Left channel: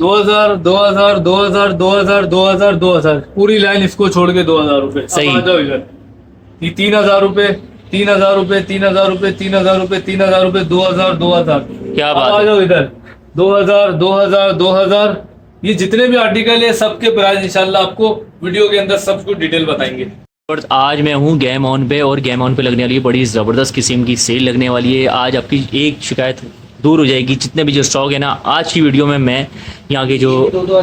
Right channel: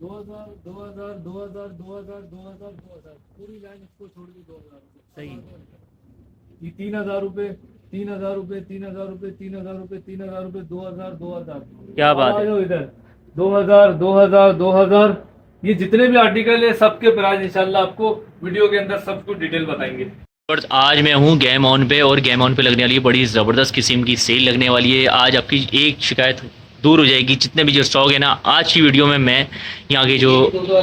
2000 2000 2000 2000 2000 2000 पूरी लाइन इसको छोड़ के 2000 रुपए। सही। अब आ जाओ इधर। ये 3000 रुपए, 3000 रुपए, 3000 रुपए, 3000 रुपए, 3000 रुपए, 2000 2000। क्या अब बात आ है। जाओ इधर। 2000 2000 2000। ये जितने भी आर्टिकल है सबके प्राइस इंशाल्लाह आपको वीडियो के अंदर सब कुछ डिटेल बताएंगे। और आज मैं हूँ गेम ऑन पे, और गेम ऑन पे लगने वाली है बड़ी ज़बरदस्त किस्म की सेल लगने वाली है। आज आपकी एक शिकायत दूर हो जाएगी। जितने भी जो स्टॉक है ना, आज की वीडियो में मैं यहाँ के जो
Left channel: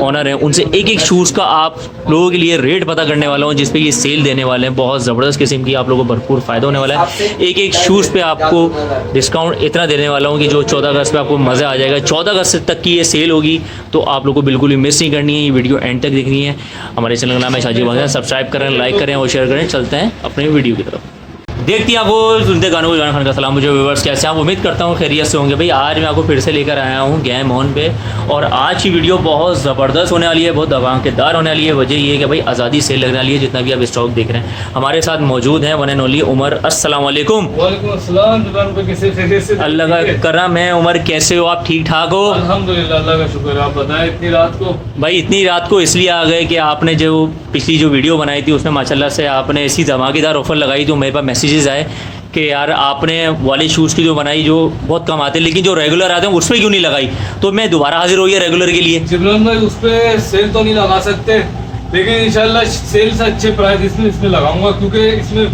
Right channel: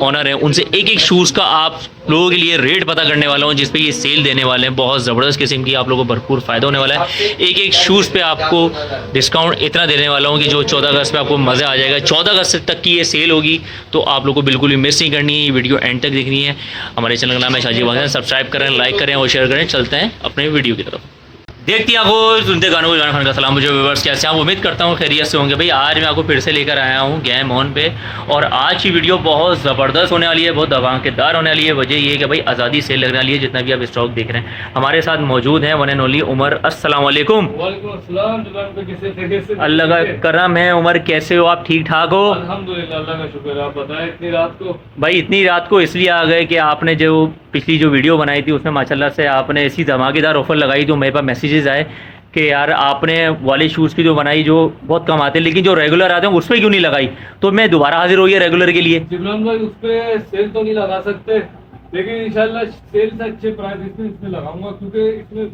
ऑनर हैं उनसे एक एक शूज़ का आप लोगों के लिए रेट पता करने वाला हूँ, जिस पे ये सेल देने वाले हैं। बहुत ज़बरदस्त किस्म की आप लोगों को भरपूर फ़ायदा होने वाला है। एक एक शूज़ पे आपको डिस्काउंट इतना देने वाला हूँ कि जो 14 अगस्त पे आपको मज़ा आ जाएगा। 14 अगस्त तक की ये सेल होगी, तो आप लोग को बिल्कुल भी मिस नहीं करनी है। ये वीडियो एंड तक देखनी है। हमारे चैनल का नाम है शाजी भाई, सब्सक्राइब करें, लाइक करें और शेयर करें। चलते हैं अपने वीडियो की तरफ। देखती हैं आपको सुनते गानों को गाना खान का सलाम। मुझे व्यूअर्स कैसे हैं, उम्मीद करता हूँ खैरियत से होंगे। भाई आज मैं आपको फिर से लेकर आया हूँ गेम ऑन पे, और आज की वीडियो बहुत ज़बरदस्त होने वाली है, बहुत धमाकेदार होने वाली है। वजह ये है कि भाई आज़ादी सेल लगने वाली है। जितना भी आप स्टॉक देख रहे हैं, हमारे साथ मौजूद हैं वन एंड ओनली उमर। अस्सलाम वालेकुम। वालेकुम अस्सलाम। दुकान पे किसी खैरियत से? अल्लाह का करम है। उमर कैसे हो आप, ठीक ठाक हो? अल्हम्दुलिल्लाह, अल्लाह का शुक्र है। आप बताएं इतनी रात को? भाई इतनी रात को इसलिए आ गए कि आपने जो पिछली जो वीडियो बनाई थी उसमें माशाल्लाह से आपने ऐसी धमाकेदार ऑफ़र लगाई, जो मेरे पास मैसेजेस आए कि यार आपने वाले शूज़ की जो बनाई जो बहुत कम आते हैं, लेकिन जो रेगुलर आते हैं उसमें क्यों नहीं लगाई। तो मैं दोबारा हाजिर हो गया रेगुलर के लिए। जिब्रान भाई उस पर सेल तो नहीं लगा सकते, लेकिन इंशाल्लाह सेल से अच्छे प्राइस इसमें लगाऊंगा, क्योंकि इसमें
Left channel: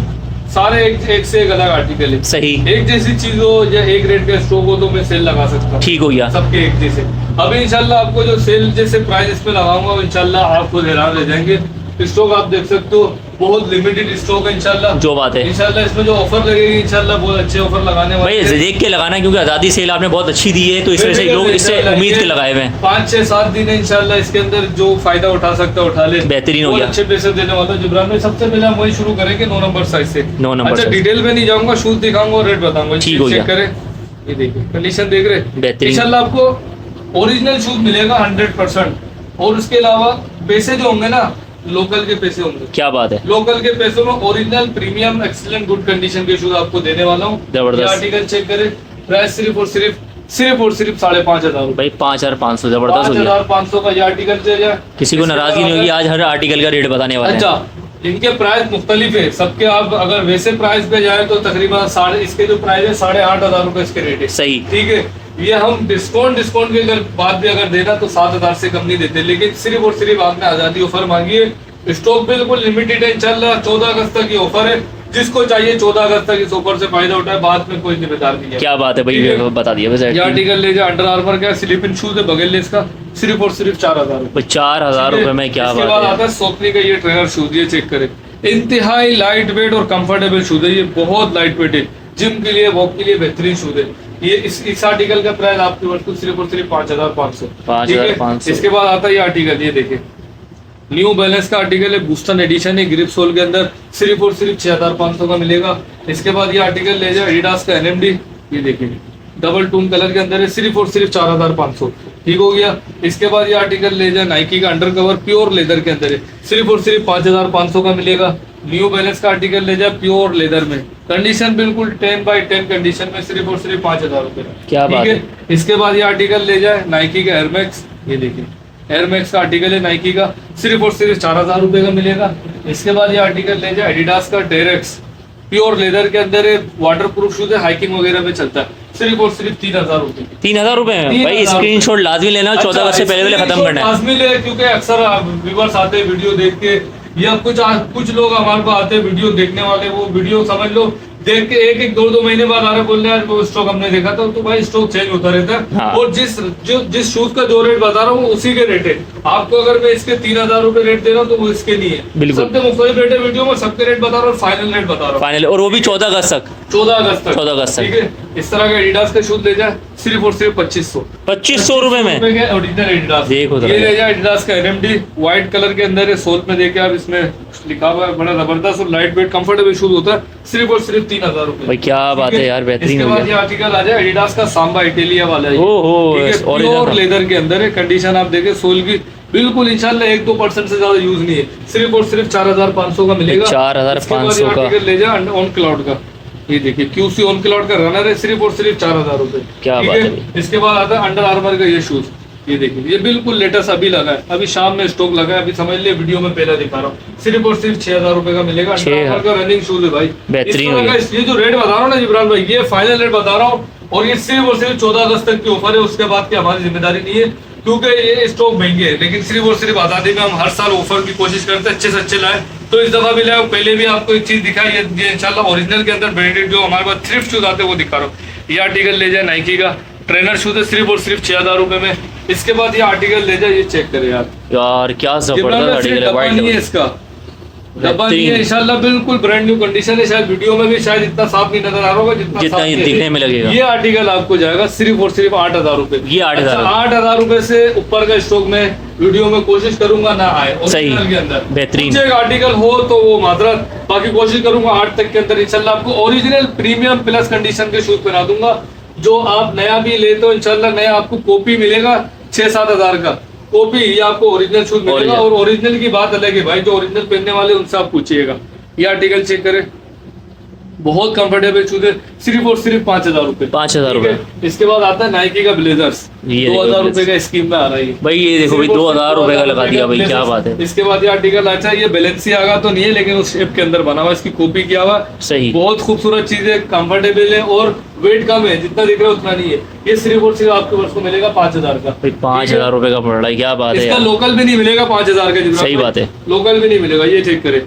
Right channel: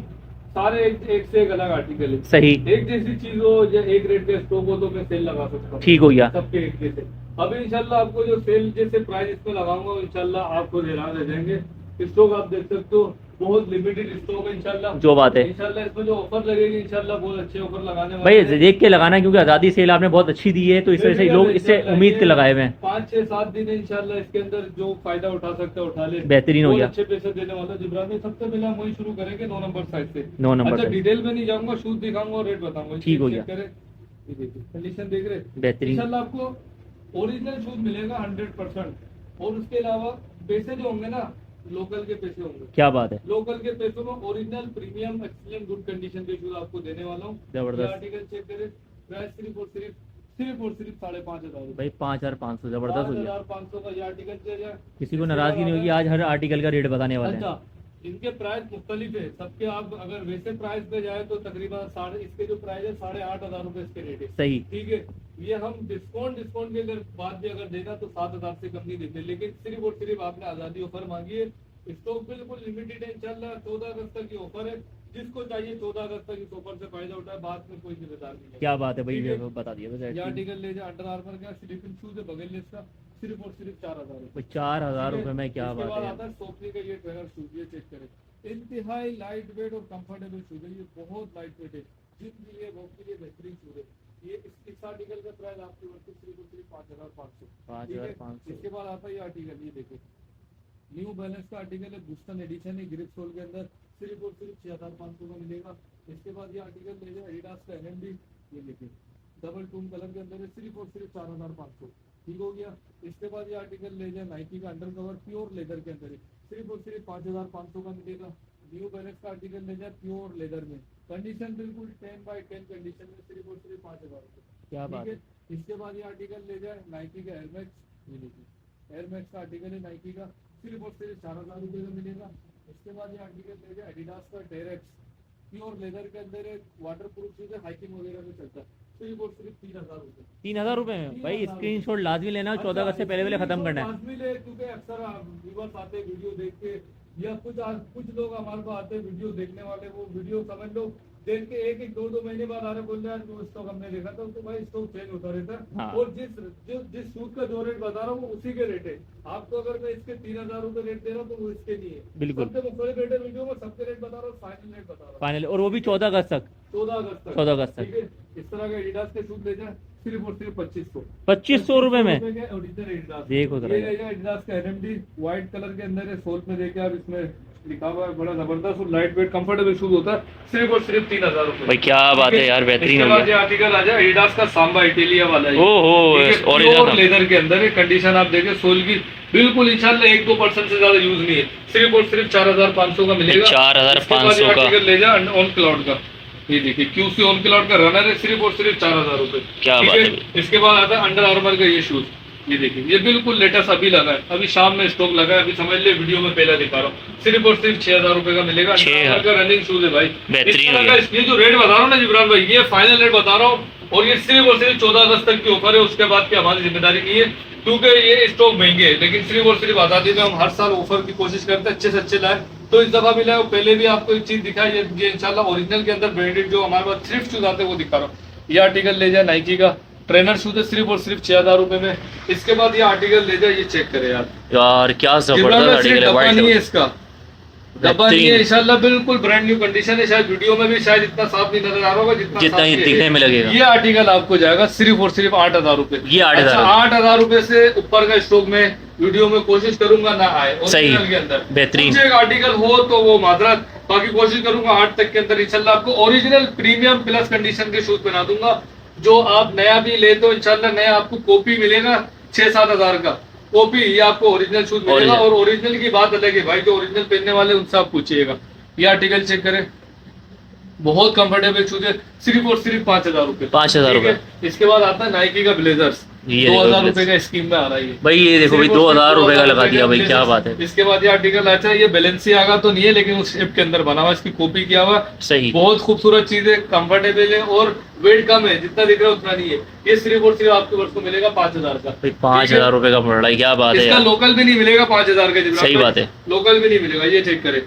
सारे एक से एक अलग आर्टिकल है। सही। एक जैसी चीज हो या एक रेट का स्टॉक हो तो मैं सेल लगा सकता हूँ। ठीक हो गया। सबके एक जैसे। अभी इंशाल्लाह आपको जो सेल जैसे प्राइस इसमें लगाऊंगा वो इंशाल्लाह आप खुद हैरान रह जाएंगे। स्टॉक आप देख सकते हो, बहुत लिमिटेड स्टॉक है इंशाल्लाह। जो बात है इंशाल्लाह इसमें जो ऑफर लगेगी इंशाल्लाह बहुत अच्छे ऑफर लगाने वाले भाई देख के लगाना, क्योंकि आज़ादी सेल आपने बहुत अच्छी दी है, तो इस वजह से लोग इससे उम्मीद के लगाए हुए हैं। 5-6-7 दिन है इंशाल्लाह, इसके अंदर जो फायदा उठा सकता है उठा ले। बेहतरीन हो गया। अच्छे पैसे देने वाला जिब्रान भाई। सबसे पहले हम वही शुरू करेंगे 9 नंबर साइज से। 9 नंबर अच्छा, साइज। डिटेल में नहीं जाऊंगा, शूज दिखाऊंगा और रेट बताऊंगा। ठीक हो गया। चेक करें, ये देखिए कंडीशन देख रहे हैं। बेहतरीन। इंशाल्लाह आपको ओरिजिनल शूज मिलेगा 100%, और उसके अलावा पैसे जो होंगे ना लोकल के पैसे होंगे। क्या बात है। लोकल के पैसों में original premium excellent good condition के शूज आपको देने वाला हूँ। जबरदस्त। आर्टिकल चेक करें, प्राइस सिर्फ और सिर्फ 5,500 भाई 5,500 जबरदस्त हो गया। 5,500 का ये आर्टिकल चल जाए। किसी को नाराजगी नहीं होगी, आज हर आर्टिकल का रेट बताने वाला है। अच्छा, इनके प्राइस मुख्तलिफ है सबके। आप अगर वैसे प्राइस पे जाए तो तकरीबन इसके जो प्राइस है 8,500 रुपए इसके रेट है। सही। ठीक है, ये हम डिस्काउंट की अगर बात भी अगर देना तो 7,000 से कम नहीं देते, लेकिन सिर्फ और सिर्फ आपने आजादी ऑफर मांगी है। स्टॉक बिल्कुल लिमिटेड है इंशाल्लाह। 14 अगस्त तक की ऑफर है, जिसको चाहिए 14 अगस्त तक इस ऑफर से फायदा उठाए, बाद में कोई जिम्मेदार नहीं है। क्या बात है भाई, बता दिया वैसे। ये आर्टिकल ले जाए, अंडर आर्मर का स्लीपिंग शूज है, बगल ले इसका, सिर्फ और सिर्फ 4,000 रुपए। 4,000 रुपए में क्या इसके बात बाद है। आता है सोकनी का ये ट्रेनर शूज, ये चेक करें। इंतहाई लाइट वेट और कंफर्टेबल शूज है, ये बहुत लाइट वेट है। जिम के लिए, वॉक के लिए बेहतरीन शूज है। ये इस आर्टिकल का प्राइस आपकी वस्तु सिर्फ और सिर्फ 5,500। 5,500। इसके बाद आता है ये आर्टिकल, ये देखिए न्यू बैलेंस का आर्टिकल है, बूस्टन एडिशन है, ग्रिप सोल के अंदर, सिर्फ और सिर्फ 6,500 का मिलेगा। इसके बाद ये आर्टिकल ले जाए एडिडास का एनएमडी, ये देखिए डबल टून कलर के अंदर है, सिर्फ और सिर्फ 4,500। ठीक हो गया। इसके बाद ये आर्टिकल ले जाए नाइकी का अंडर कवर प्योर लेदर के अंदर है, सिर्फ और सिर्फ 5,500 का मिलेगा। न्यू बैलेंस का आर्टिकल ले जाए प्योर लेदर में, कंडीशन बिल्कुल 10/10 कंडीशन में, सिर्फ और सिर्फ 5,000 रुपए। क्या बात है। इसके बाद ये आर्टिकल ले जाए नाइकी का एयरमैक्स, ये देखिए एयरमैक्स का आर्टिकल है नाइकी का, सिर्फ और सिर्फ 4,000 रुपए का मिलेगा। इसके बाद ये आर्टिकल ले जाए एडिडास का टेरेक्स, प्योर लेदर के अंदर है, वाटर प्रूफ शूज है, हाइकिंग वगैरह में चलता है, सिर्फ और सिर्फ 3,000 रुपए। 3,000 रुपए में भाई स्क्रीनशॉट लाजमी लेना, 14 अगस्त से पहले खत्म करना है। लाजमी ले, क्योंकि अक्सर व्यूअर्स आते हैं वीडियो देख के, या कुछ लोग हमारे पास आते हैं वीडियो देखने वाले, वो वीडियो समझ लो देख के 1-2 महीने बाद आ रहे बोल रहे हैं वो स्टॉक हमने देखा था। तो भाई स्टॉक चेंज होता रहता है। हाँ। और जिस शूज का जो रेट बता रहा हूँ उसी के रेट है। आपको अगर मैं इसके 3,000 रुपए रेट दे रहा हूँ तो वो इसके नहीं है। बिल्कुल। सबके मुख्तलिफ रेट है, वीडियो में सबके रेट बता रहा हूँ, फाइनल रेट बता रहा हूँ फाइनल, और वो भी 14 अगस्त तक। 14 अगस्त तक। 14 अगस्त तक। ठीक है। इस तरह का एडिडास का शूज ले जाए, सिर्फ और सिर्फ 2,500। 2,500 रुपए में ओरिजिनल एडिडास। देखो ये ले जाए एडिडास का एनएमडी, व्हाइट कलर के अंदर है, सोल में देखे आप, इसमें लिखा हुआ है, बड़ा जबरदस्त और लाइट वेट कंफर्टेबल शूज होता है, सिर्फ और सिर्फ 3,000 रुपए। भाई क्या बात है यार, बेहतरीन हो इसके बाद गया। ये आर्टिकल आ जाए एडिडास का सांबा इटालिया वाला है। ओहो, प्योर लेदर के अंदर है, कंडीशन आप देखें सोल की बिल्कुल इंशाल्लाह 1-2% से ज्यादा यूज नहीं है, सिर्फ और सिर्फ 4,500 का मिलेगा। 4,500 का आर्टिकल ले जाए ऑन क्लाउड का, ये देखिए क्यूसी ऑन क्लाउड का रनर है, सिर्फ और सिर्फ 4,000 रुपए। क्या बात है। इसके बाद आता है अंडर आर्मर का ये शूज, ये देखिए, ये बिल्कुल लेटेस्ट अभी लगा है, अभी शाम में स्टॉक लगा है, अभी समझ लिया वीडियो में पहला दिखा रहा हूँ। सिर्फ और सिर्फ 6,000 रुपए का मिलेगा। 6,000 का रनिंग शूज है भाई, बेहतरीन इस हो तरह गया। का इसलिए जो रेट बता रहा हूँ ना जिब्रान भाई, ये फाइनल रेट बता रहा हूँ, और ये सिर्फ और सिर्फ 14 अगस्त तक की ऑफर है, उसके बाद की हमारी जिम्मेदारी नहीं है, क्योंकि ये स्टॉक महंगे है। लेकिन सिर्फ और सिर्फ आजादी में हम हर साल ऑफर की कोशिश करते हैं अच्छे से अच्छे लाए, तो इस दफा भी लाए। पहले भी आपको एक चीज दिखाई, ये इंशाल्लाह ओरिजिनल के अंदर ब्रांडेड जो हमारे पास थ्रिफ्ट शूज आते हैं वो दिखा रहा हूँ। ये आर्टिकल ले जाए नाइकी का ट्रेनर शूज है, सिर्फ और सिर्फ 6,000 रुपए में। इसके बाद ये आर्टिकल ले जाए, ये चेक करें यार क्या जबरदस्त आर्टिकल है, डब्बा नहीं है वाइट इसका, डब्बा नहीं है इंशाल्लाह, बिल्कुल ब्रांड न्यू कंडीशन है। शायद वीडियो में भी शायद इतना साफ नहीं नजर आ रहा होगा जितना जितना साफ ये ये दिखने है। में लगेगा। ये आर्टिकल आपको जाएगा सिर्फ और सिर्फ 8,000 रुपए। ये 8,000 8,000 रुपए से ऊपर का स्टॉक में वीडियो में कोशिश करूंगा ना आए सही, ओरिजिनल के अंदर। बेहतरीन। कुछ एक आर्टिकल हो तो वो माजरत, बाकी कोशिश करूंगा 8 तक के अंदर इंशाल्लाह आपको ओरिजिनल प्रीमियम प्लस कंडीशन के शूज पहना दूंगा। जो आप नया भी ले तो इंशाल्लाह नया आपको कॉपी मिलेगा 6-7 हजार का कॉपी, ये आपको ओरिजिनल शूज मिलेगा। और ओरिजिनल की बात अलग है भाई, जो ओरिजिनल पहनने वाले उनसे आप पूछिएगा। ये आर्टिकल चेक करें, बहुत कंफर्टेबल शूज है, सिर्फ और सिर्फ 5,000 रुपए। 5,000 ठीक है? रुपए। इसके बाद आता है नाइकी का ब्लेजर्स, ये 2,000 रुपए का स्कीम में आ रहा है ये। भाई ये देखो भाई, 2,000 रुपए का लगा दिया भाई, क्या बात है। इसके बाद ये आर्टिकल अच्छा है, ये बैलेंसियागा तो नहीं है लेकिन उस शेप के अंदर बना हुआ, इसकी कॉपी किया हुआ, सही, बहुत खूबसूरत चीज है, कंफर्टेबल है और वेट कम है, जितना दिख रहा है उतना नहीं है। ये सिर्फ और सिर्फ आपके वर्ष को मिलेगा 5,000 का। भाई 5,000 रुपए का पड़ रहा है, क्या बात है इसका यार। लोकल भी नहीं मिलेगा 5,000 का, जितना सही बात है। लोकल भी नहीं मिलेगा। ये चेक करें,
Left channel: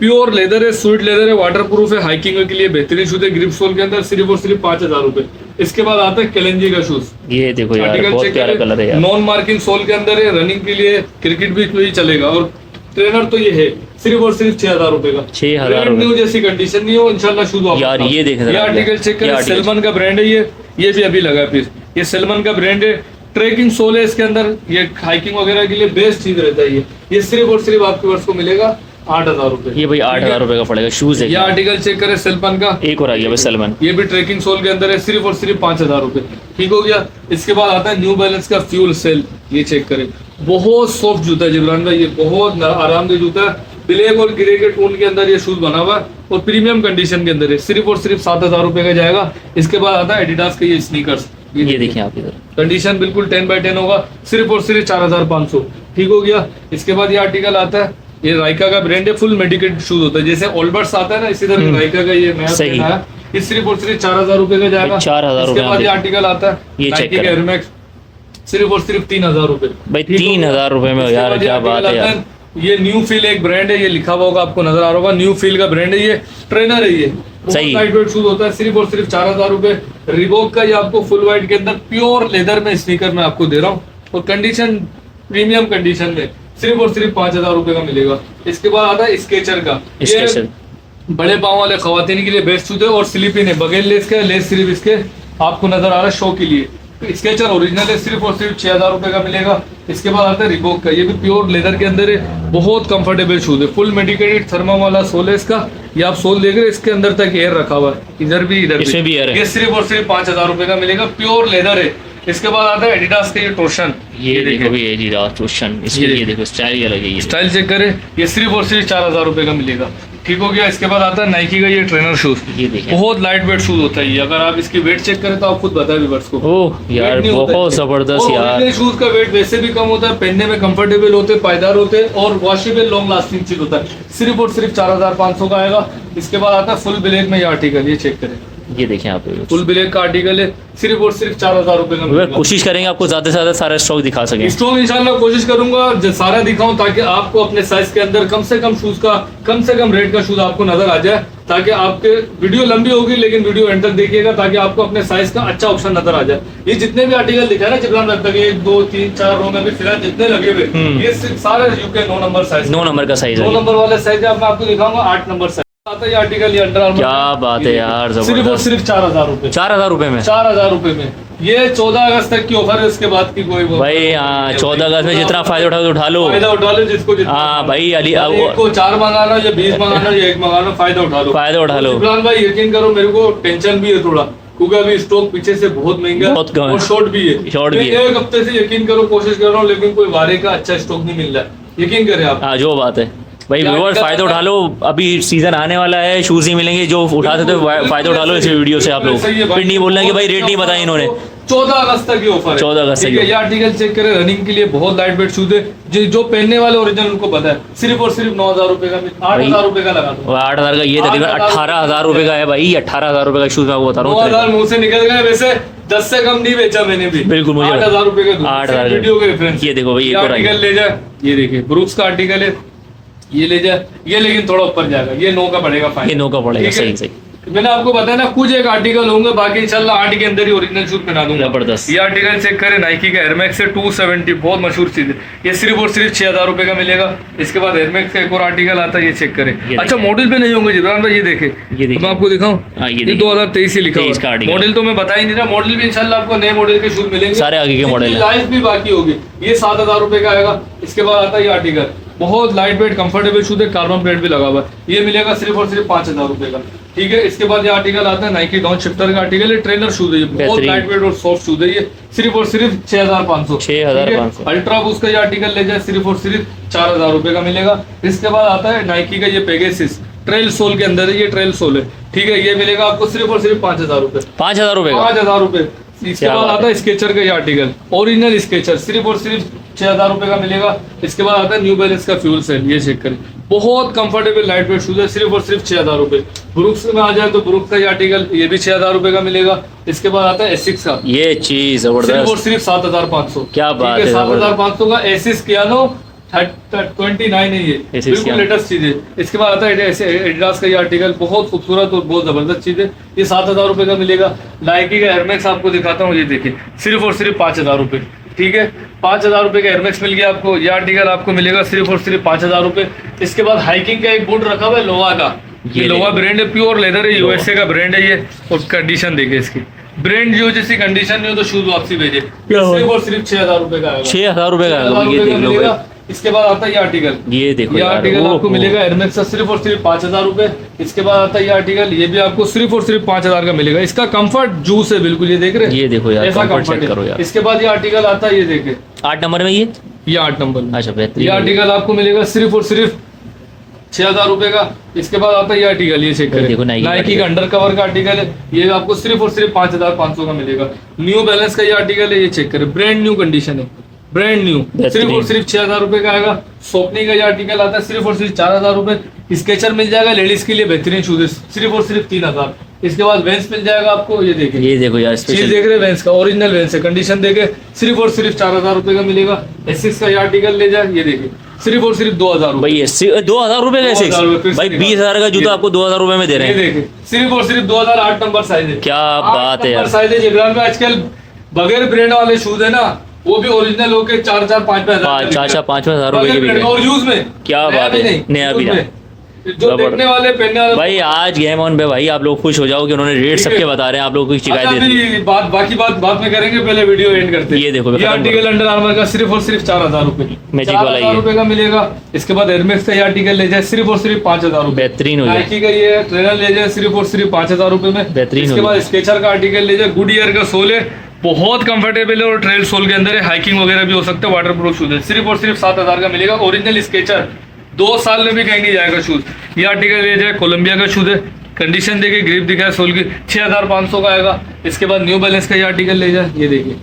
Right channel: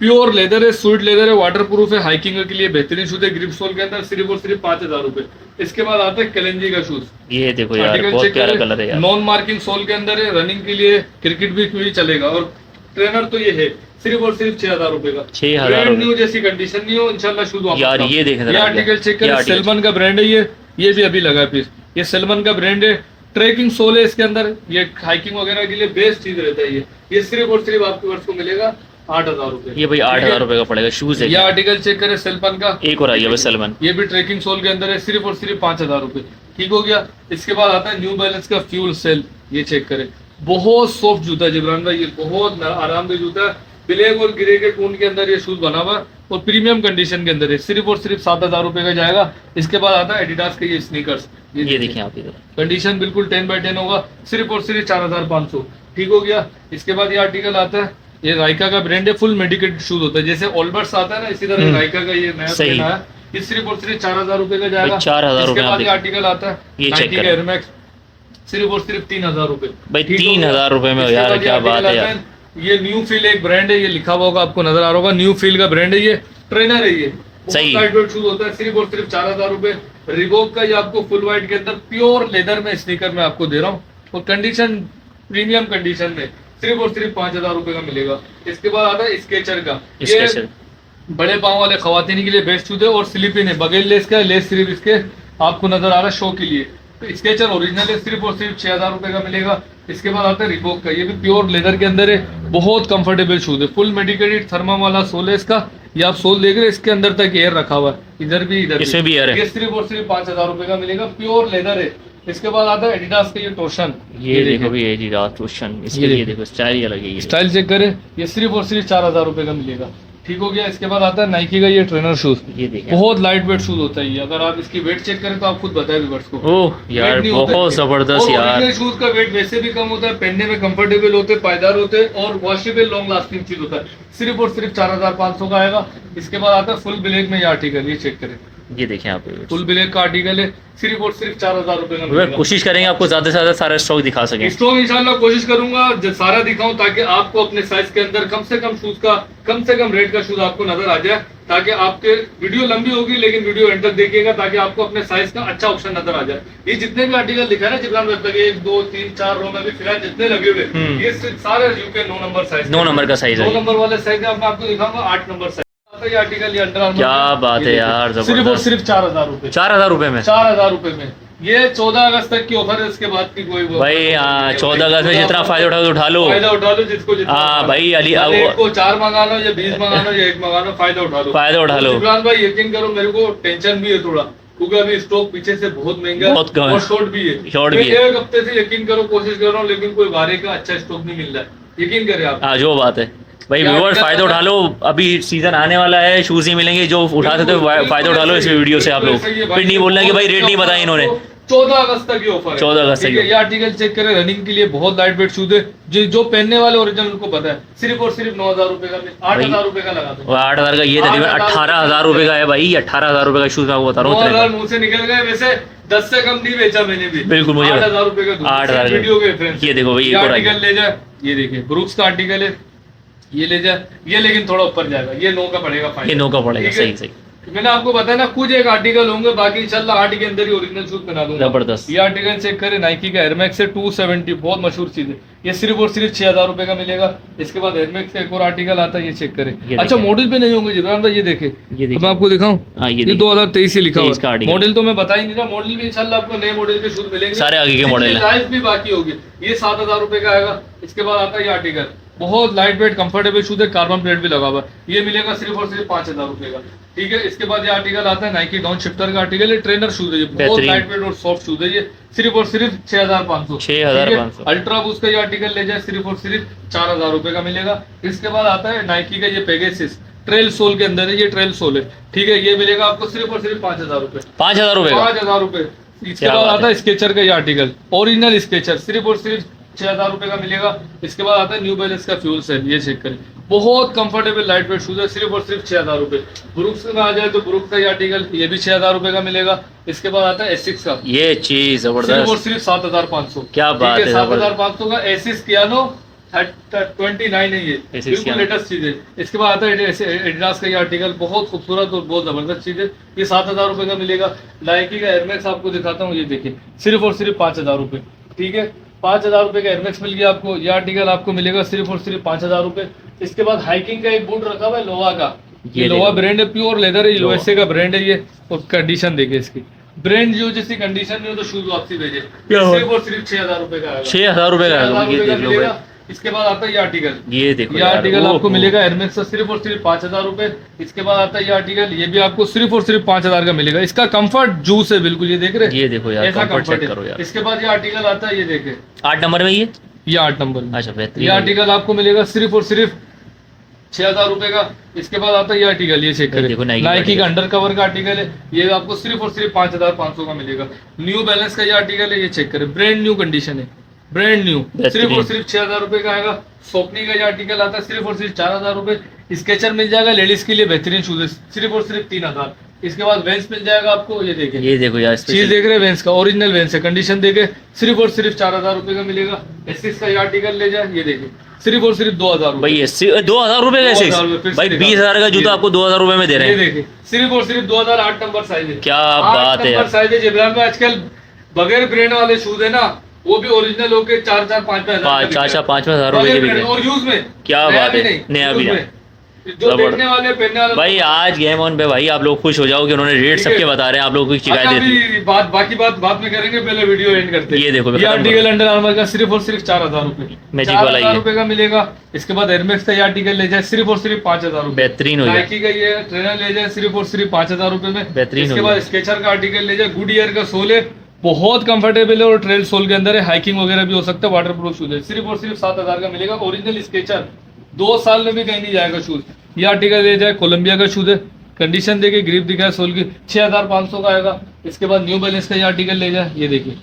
प्योर लेदर है, स्वीट लेदर है, वाटर प्रूफ है, हाइकिंग के लिए बेहतरीन शूज है, ग्रिप सोल के अंदर, सिर्फ और सिर्फ 5,000 रुपए। इसके बाद आता है कैलेंजी का शूज, ये देखो यार, आर्टिकल बहुत चेक प्यारा करें, कलर है यार। नॉन मार्किंग सोल के अंदर है, रनिंग के लिए, क्रिकेट भी कोई चलेगा, और ट्रेनर तो ये है सिर्फ और सिर्फ 6,000 रुपए का। 6,000 ब्रांड न्यू जैसी कंडीशन नहीं हो इंशाल्लाह शूज वापस यार, आओ। ये देखें ये जरा, आर्टिकल चेक ये करें, आर्टिकल। सलमान का ब्रांड है ये भी अभी लगा है पीस। ये सलमान का ब्रांड है, ट्रैकिंग सोल है इसके अंदर, ये हाइकिंग वगैरह के लिए बेस्ट चीज रहता है ये सिर्फ और सिर्फ आपके वर्ष को मिलेगा 8,000 रुपए। ये भाई 8,000 रुपए का पड़ेगा, शूज है। ये आर्टिकल चेक करें सलमान का, एक और आई है सलमान, ये भी ट्रैकिंग सोल के अंदर है, सिर्फ और सिर्फ 5,000 रुपए। ठीक हो गया। इसके बाद आता है न्यू बैलेंस का फ्यूल सेल, ये चेक करें, बहुत सॉफ्ट जूता है जिब्रान भाई, ये बहुत आरामदेह जूता है, ब्लैक और ग्रे के टोन के अंदर ये शूज बना हुआ है और प्रीमियम कंडीशन के अंदर है, सिर्फ और सिर्फ 7,000 रुपए का जाएगा। इसके बाद आता है एडिडास का ये स्नीकर्स, ये देखिए आप इधर, कंडीशन बिल्कुल 10/10 होगा, सिर्फ और सिर्फ 4,500। ठीक हो गया। इसके बाद ये आर्टिकल आता है, ये राइका का ब्रांड है, फुल मेडिकेटेड शूज होता है, जैसे ऑलबर्ट्स आता है ना, इसी तरह राइका का ये नया सही। ब्रांड है, ये सिर्फ और सिर्फ 4,000 रुपए का जाएगा। 4,000 इसके रुपए बाद ये आप आर्टिकल आता है ये चेक नाइकी का करें। एयर मैक्स, सिर्फ और सिर्फ 3,000 रुपए। भाई ठीक हो गया। 3,000 रुपए में इसके यार, बाद ये क्या बात आर्टिकल है आता यार। ये न्यू फील एक ब्रांड है, ये लिखा हुआ होगा आपको नजर आ रहा होगा, न्यू फील का ब्रांड है, ये ट्रेनर है, ये सही। लाइट वेट शूज होता है, सिर्फ और सिर्फ 4,000 रुपए। रिबॉक का ये आपको फुल वाइट के अंदर प्योर लेदर में स्नीकर में आपको दे रहा हूँ, और कंडीशन प्रीमियम कंडीशन में, सिर्फ और सिर्फ 5,000 रुपए का मिलेगा। इसके बाद आता है स्केचर का, स्केचर बड़े पाँव वाले खवातीन के लिए बेस्ट शूज है, और स्लीपिंग है, बगैर लेस का, लेस सिर्फ इसके आपको नजर आ रहा है शो के लिए। स्केचर ओरिजिनल है, सिर्फ और सिर्फ 6,000 रुपए का मिलेगा। इसके बाद आता है रिबॉक का, ये भी प्योर लेदर के अंदर है, बहुत कंफर्टेबल शूज है, फुल मेडिकेटेड थर्मा वाला सोल है इसका, ये आप सोल देख रहे हैं, इसके अंदर तक एयर रखा हुआ है, इधर भी इधर इसमें भी एयर है। ये सिर्फ और सिर्फ 5,000 रुपए का मिलेगा, प्योर लेदर है। इसके बाद आता है एडिडास का ये टोशन, ये देखो भी एडिडास टोशन, इसके लिए देखो स्टाइल ये लगे, ये स्टाइल चेक करें, ये सिर्फ और सिर्फ 4,000 रुपए का मिलेगा। ठीक हो गया। इसके बाद आता है नाइकी का ये ट्रेनर शूज, ये देखें। बहुत लाइट वेट शूज होता है ये, अगर आप इसकी वेट चेक करें तो आप खुद बताए व्यूअर्स को। ओह यार, वेट नहीं होता बहुत है। जबरदस्त और यार। ओरिजिनल शूज का वेट वैसे भी कम होता है, पहनने में कंफर्टेबल होते हैं, पायदार होते हैं, और वॉशेबल लॉन्ग लास्टिंग चीज होता है, सिर्फ और सिर्फ 4,500 का आएगा। इसके बाद आता है फुल ब्लैक में ये आर्टिकल, ये चेक करें, ये देखें आप, फुल ब्लैक का आर्टिकल है, सिर्फ और सिर्फ 4,000 रुपए का मिलेगा। कोशिश करेंगे आपको ज्यादा से ज्यादा सारा स्टॉक दिखा सकें। स्टॉक इंशाल्लाह कोशिश करूंगा सारा दिखाऊं, ताकि आपको अपने साइज के अंदर कम से कम शूज का, कम से कम रेट का शूज आपको नजर आ जाए, ताकि आपके वीडियो लंबी होगी लेकिन वीडियो एंड तक देखिएगा, ताकि आपको अपने साइज का अच्छा ऑप्शन नजर आ जाए। ये जितने भी आर्टिकल दिखा है ना जिब्रान भाई, तक 1 2 3 4 रो में भी फिलहाल जितने लगे हुए, ये सिर्फ सारे यूके 9 नंबर साइज, 9 नंबर का साइज 9 है, नंबर वाले साइज मैं आपको दिखाऊंगा, 8 नंबर साइज आता है ये आर्टिकल, ये अंडर आर्मर, क्या बात है यार, सिर्फ और जबरदस्त। सिर्फ 4,000 रुपए, 4,000 रुपए में 4,000 रुपए में। ये 14 अगस्त तक की ऑफर है, उसके बाद की कोई वो भाई। हाँ, 14 अगस्त में जितना फायदा उठा लो। फायदा उठा लो, जिसको जितना। हाँ भाई, अली एक को 4 मंगाना या 20 मंगाना या 1 मंगाना, फायदा उठा लो, फायदा उठा लो। इमरान भाई यकीन करो, मेरे को टेंशन भी है थोड़ा, क्योंकि अभी स्टॉक पीछे से बहुत महंगा बहुत कम है। और शॉर्ट भी है, शॉर्ट भी है। एक हफ्ते से यकीन करो कोशिश कर रहा हूँ, लेकिन कोई वारे का अच्छा स्टॉक नहीं मिल रहा है, यकीन करें आप। हाँ, जो बात है भाई, क्या व्यूअर्स दिक्कत फायदा है? उठा लो, अभी सीजन आने वाला है, शूज ही मिलेंगे, जो उठा सकते हो फायदा उठा लो इस वीडियो से आप लोग। सही है भाई। फिर नहीं बोलना कि भाई रेट नहीं बताया इन्होंने। 14 अगस्त तक ये ऑफर है। 14 अगस्त तक ठीक है, ये ये आर्टिकल चेक करें, रनिंग के लिए बहुत लाइट वेट शूज है, जो पहनने वाले ओरिजिनल उनको पता है। सिर्फ और सिर्फ 9,000 रुपए का, 8,000 रुपए का लगा दो। और 8,000 का ये तकरीबन 18,000 रुपए का है भाई, 18,000 रुपए का शूज मैं आपको बता रहा हूँ। 9,000 मुंह से निकल गए, वैसे 10 से कम नहीं बेचा मैंने भी। बिल्कुल, मुझे 8,000 रुपए का 8,000 वीडियो के रेफरेंस। ये देखो भाई, एक और आर्टिकल ले जाए, ये देखिए ब्रुक्स का आर्टिकल है, ये ले जाए, ये लेकिन थोड़ा ऊपर जाएगा, ये 9 का पड़ेगा फाइनल। ये 9 का पड़ेगा, ठीक है? सही सही। मैंने आपको बताया ना कुछ एक आर्टिकल होंगे, बाकी इंशाल्लाह 8 के अंदर ही ओरिजिनल शूज पहना दूंगा। जबरदस्त। ये आर्टिकल चेक करें, नाइकी का एयरमैक्स है 270, बहुत मशहूर चीज है। ये सिर्फ और सिर्फ 6,000 रुपए का मिलेगा। इसके बाद एयरमैक्स का एक और आर्टिकल आता है, ये चेक करें। ये अच्छा, मॉडल पे नहीं होंगे जिब्रान भाई, ये देखे, ये देखिए। मैं आपको दिखाऊं, हाँ, ये ये देखिए। 2023 ही लिखा 23 का हुआ। article। मॉडल तो मैं बता ही नहीं रहा, मॉडल भी इंशाल्लाह आपको नए मॉडल के शूज मिलेंगे, सारे आगे के मॉडल हैं। लाइफ भी बाकी होगी। ये 7,000 रुपए का आएगा। इसके बाद आता है ये आर्टिकल, बहुत लाइट वेट कंफर्टेबल शूज है, कार्बन प्लेट भी लगा हुआ है। ये मिलेगा सिर्फ और सिर्फ 5,000 रुपए का। ठीक है, इसके बाद ये आर्टिकल आता है नाइकी डाउन शिफ्टर का आर्टिकल, ये ट्रेनर शूज है, ये बहुत बेहतरीन। लाइट वेट और सॉफ्ट शूज है। ये सिर्फ और सिर्फ 6,500। 6,500। अल्ट्रा बूस्ट का ये आर्टिकल ले जाए, सिर्फ और सिर्फ 4,000 रुपए का मिलेगा। इसके बाद आता है नाइकी का ये पेगासस, ट्रेल सोल के अंदर है, ये ट्रेल सोल है। ठीक है, ये मिलेगा आपको सिर्फ और सिर्फ 5,000 रुपए। 5,000 रुपए का। 5,000 रुपए। इसके क्या बाद बात आता है स्केचर का ये आर्टिकल, ओरिजिनल स्केचर, सिर्फ और सिर्फ 6,000 रुपए का मिलेगा। इसके बाद आता है न्यू बैलेंस का फ्यूल सेल, ये चेक करें, बहुत कंफर्टेबल लाइट वेट शूज है, सिर्फ और सिर्फ 6,000 रुपए। ब्रुक्स में आ जाए तो ब्रुक्स का ये आर्टिकल, ये भी 6,000 रुपए का मिलेगा। इसके बाद आता है एसिक्स का, ये चीज सिर्फ और जबरदस्त। सिर्फ 7,500। क्या बात है, 7,500 का एसिस कियानो 29 है, ये Asus बिल्कुल Kiano। लेटेस्ट चीज है। इसके बाद आता है एडिडास का ये आर्टिकल, बहुत खूबसूरत और बहुत जबरदस्त चीज है, ये 7,000 रुपए का मिलेगा। नाइकी का एयरमैक्स आपको दिखाता हूँ, ये देखिए, सिर्फ और सिर्फ 5,000 रुपए। ठीक है, 5,000 रुपए का एयरमैक्स मिल गया आपको। ये आर्टिकल आपको मिलेगा सिर्फ और सिर्फ 5,000 रुपए। इसके बाद हाइकिंग का एक बूट रखा हुआ है लोवा का, ये लोवा ब्रांड है, प्योर लेदर है, यूएसए का ब्रांड है ये। और कंडीशन देखिए इसकी, ब्रांड जो जैसी कंडीशन नहीं हो तो शूज वापसी भेजे। सिर्फ और सिर्फ 6,000 रुपए का आएगा। 6,000 रुपए का आएगा, ये देख लो मिलेगा। भाई। इसके बाद आता है ये आर्टिकल, ये देखो ये यार, आर्टिकल आपको ओहो। मिलेगा एयरमैक्स का सिर्फ और सिर्फ 5,000 रुपए। इसके बाद आता है ये आर्टिकल, ये भी आपको सिर्फ और सिर्फ 5,000 का मिलेगा। इसका कंफर्ट जूस है बिल्कुल, ये देख रहे हैं, ये देखो यार, ऐसा कंफर्ट comfort चेक है। करो यार। इसके बाद ये आर्टिकल आता है, ये देखे, 8 नंबर में ये। ये 8 नंबर में। अच्छा, ये बेहतरीन। आर्टिकल आपको मिलेगा सिर्फ और सिर्फ 6,000 रुपए का। इसके बाद आता है ये आर्टिकल, ये चेक ये देखो, करें, Nike का नाइकी का article। अंडर कवर का आर्टिकल है, ये आपको सिर्फ और सिर्फ 5,500 का मिलेगा। न्यू बैलेंस का ये आर्टिकल है, ये चेक करें, ब्रांड न्यू कंडीशन है, ब्रांड न्यू, सिर्फ और सिर्फ 6,000 रुपए का आएगा। सोपनी का ये आर्टिकल आता है सिर्फ और सिर्फ 4,000 रुपए। स्केचर मिल जाएगा, लेडीज के लिए बेहतरीन शूज है, सिर्फ और सिर्फ 3,000। इसके बाद वेंस मिल जाएगा आपको, ये देखिए, ये देखो यार, चीज स्पेशल। देख रहे हैं वेंस का, ओरिजिनल वेंस है, कंडीशन देखे, सिर्फ और सिर्फ 4,000 रुपए का मिलेगा। एसिक्स का ये आर्टिकल ले जाए, ये देखिए, सिर्फ और सिर्फ 2,000 रुपए। भाई 2,000 रुपए का 2,000 रुपए फिर भाई से 20,000 का जूता ये- आपको 2,000 रुपए में दे रहे ये हैं। देखिए, सिर्फ और सिर्फ 2008 नंबर साइज है। क्या 8 बात है नंबर यार। साइज है जिब्रान में। आजकल बगैर ब्रांड वाले शूज है ना, वो भी ओरिजिनल होके 4,000 5,000 4,000-5,000 रुपए के भी ब्रांड है। और यूज में। क्या नया बात भी है, नहीं, नया भी यूज नहीं। में। जो जबरदस्त। देखने वाले पहनने वाले भाई आज गेम ऑन पे भाई आप लोग खुश हो जाओ कि उन्होंने रेट ठीक है। सबके बता रहे हैं, आप लोगों की शिकायत अच्छा, देती है। अभी बाकी बात बाद में करेंगे, पहले वीडियो एंड करते हैं। ये देखो, ये खत्म आर्टिकल करो। अंडर आर्मर का सिर्फ और सिर्फ 4,000 रुपए, मैजिक वाला 4,000 ये। रुपए का मिलेगा। इसके बाद एयरमैक्स का ये आर्टिकल ले जाए, सिर्फ और सिर्फ 5,000 रुपए। बेहतरीन हो जाए। नाइकी का ये ट्रेनर ले जाए, सिर्फ और सिर्फ 5,000 रुपए में। बेहतरीन इसके हो बाद गया। स्केचर का आर्टिकल ले जाए, गुड ईयर का सोल है, बहुत कंफर्टेबल है और ट्रेल सोल के अंदर है, हाइकिंग वगैरह भी हो सकता है, वाटर प्रूफ शूज है, सिर्फ और सिर्फ 7,000 का मिलेगा। ओरिजिनल स्केचर, 2 साल में भी कहीं नहीं जाएगा शूज। ये आर्टिकल ले जाए, कोलंबिया का शूज है, कंडीशन देखिए, ग्रिप दिखा है सोल की, 6,500 का आएगा। इसके बाद न्यू बैलेंस का ये आर्टिकल ले जाए, ये देखिए,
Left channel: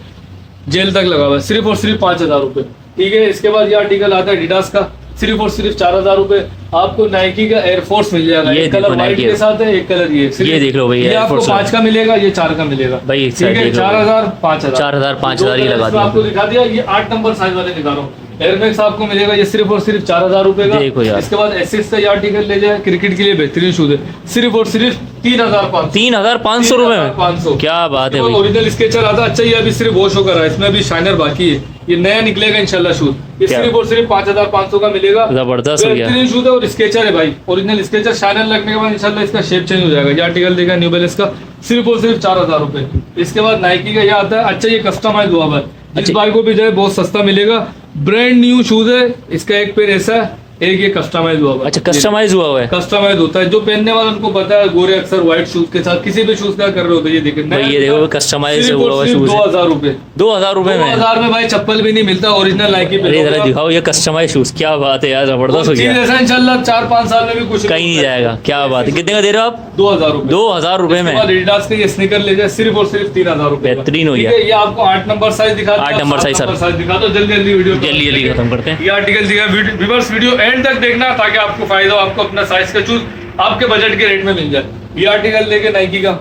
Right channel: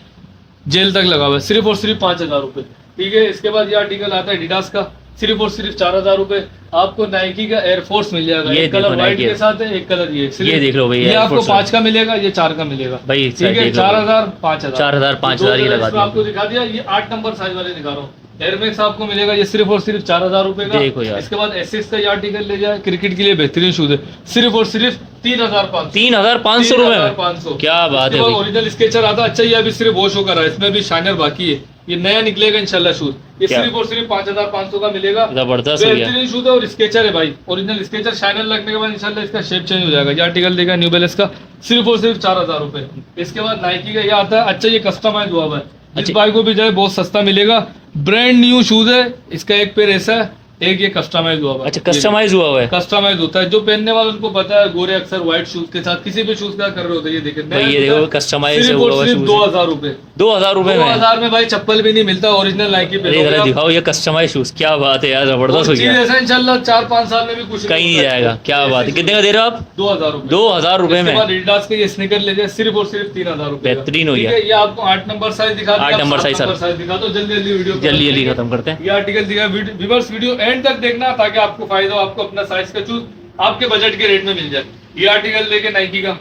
जेल तक लगा हुआ है, सिर्फ और सिर्फ 5,000 रुपए। ठीक है, इसके बाद ये आर्टिकल आता है एडिडास का, सिर्फ और सिर्फ 4,000 रुपए। आपको नाइकी का एयरफोर्स मिल जाएगा, ये एक देखो कलर व्हाइट Nike के साथ है, एक कलर ये ये देख लो भाई, ये Air आपको Force 5 का मिलेगा, ये 4 का मिलेगा भाई, एक ठीक साइड है, देख लो। 4,000 5,000 4,000 5,000 ही लगा दिया। आपको दिखा दिया। ये 8 नंबर साइज वाले दिखा रहा हूँ, एयरमैक्स आपको मिलेगा, ये सिर्फ और सिर्फ 4,000 रुपए का। देखो यार। इसके बाद एसिक्स का ये आर्टिकल ले जाए, क्रिकेट के लिए बेहतरीन शूज है, सिर्फ और सिर्फ 3,500 3,500 रुपए में। 3,500। क्या बात है भाई। ओरिजिनल स्केचर आता है। अच्छा, ये अभी सिर्फ वॉश होकर रहा है, इसमें अभी शाइनर बाकी है, ये नया निकलेगा इंशाल्लाह शूज। ये क्या? सिर्फ और सिर्फ 5,500 का मिलेगा। जबरदस्त हो गया। बेहतरीन शूज है और स्केचर है भाई, ओरिजिनल स्केचर। शाइनर लगने के बाद इंशाल्लाह इसका शेप चेंज हो जाएगा। ये आर्टिकल देखा न्यू बैलेंस का, सिर्फ और सिर्फ 4,000 रुपए। इसके बाद नाइकी का ये आता है। अच्छा, ये कस्टमाइज हुआ है, जिस अच्छा। भाई को भी जाए बहुत सस्ता मिलेगा, ब्रांड न्यू शूज है। इसका एक पैर ऐसा है, एक ये कस्टमाइज हुआ हुआ है। अच्छा कस्टमाइज हुआ हुआ है कस्टमाइज होता है, जो पहनने वाला उनको पता है, गोरे अक्सर व्हाइट शूज के साथ किसी भी शूज का कर रहे होते हैं। ये देखिए भाई, ये देखो कस्टमाइज सिर्फ हुआ और हुआ सिर्फ शूज 2000 रुपए 2000 में 2000 में भाई चप्पल भी नहीं मिलता, ओरिजिनल नाइकी पे अरे जरा दिखाओ ये कस्टमाइज शूज, क्या बात है यार, जबरदस्त हो चीज गया, ऐसा इंशाल्लाह 4-5 साल में भी कुछ कहीं नहीं जाएगा। क्या बात है, कितने का दे रहे हो आप? 2000 रुपए 2000 रुपए में एडिडास के ये स्नीकर ले जाए सिर्फ और सिर्फ 3000 रुपए। बेहतरीन हो ठीक गया। है, ये आपको 8 नंबर साइज दिखा दिया, 8 नंबर साइज सर। साइज दिखा दो, जल्दी जल्दी वीडियो जल्दी खत्म करते हैं। ये आर्टिकल दिया, व्यूअर्स वीडियो एंड तक देखना ताकि आपको फायदा हो, आपको अपना साइज का चूज आपके बजट के रेट में मिल जाए। ये आर्टिकल लेके नाइकी का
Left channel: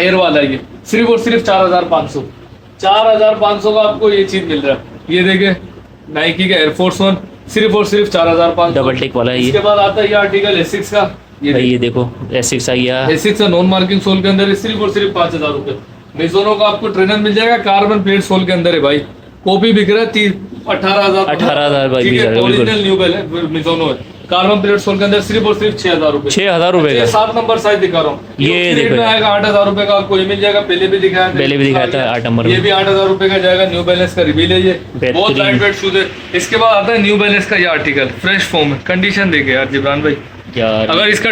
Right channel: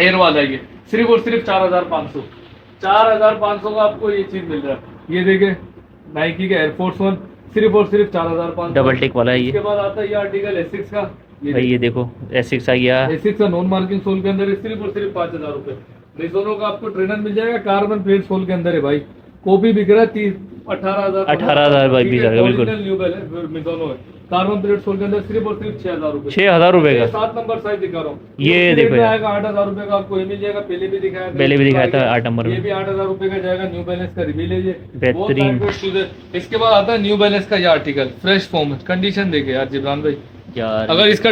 एयर वाला है, ये सिर्फ और सिर्फ 4500 का आपको ये चीज मिल रहा है। ये देखे नाइकी का एयरफोर्स 1 सिर्फ और सिर्फ 4500 डबल टेक वाला है ये। इसके बाद आता है ये आर्टिकल एसिक्स का, भाई ये देखो एसिक्स आ गया, एसिक्स का नॉन मार्किंग सोल के अंदर है, सिर्फ और सिर्फ 5000 रुपए। मिज़ोनो का आपको ट्रेनर मिल जाएगा, कार्बन प्लेट सोल के अंदर है भाई, कॉपी बिक रहा है 18,000 भाई, ठीक है, 20,000 ओरिजिनल न्यू बैलेंस मिज़ोनो है, कार्बन प्लेट सोल के अंदर सिर्फ और सिर्फ 6000 रुपए। 6000 रुपए का 7 नंबर साइज दिखा रहा हूँ, ये देखो यार। आएगा 8000 रुपए का, आपको ये मिल जाएगा, पहले भी दिखाया था 8 नंबर ये में। भी 8000 रुपए का जाएगा, न्यू बैलेंस का रिवील है, ये बहुत बेहतरीन। लाइट वेट शूज है। इसके बाद आता है न्यू बैलेंस का ये आर्टिकल फ्रेश फॉर्म है, कंडीशन देखे यार जिब्रान भाई, यार अगर इसका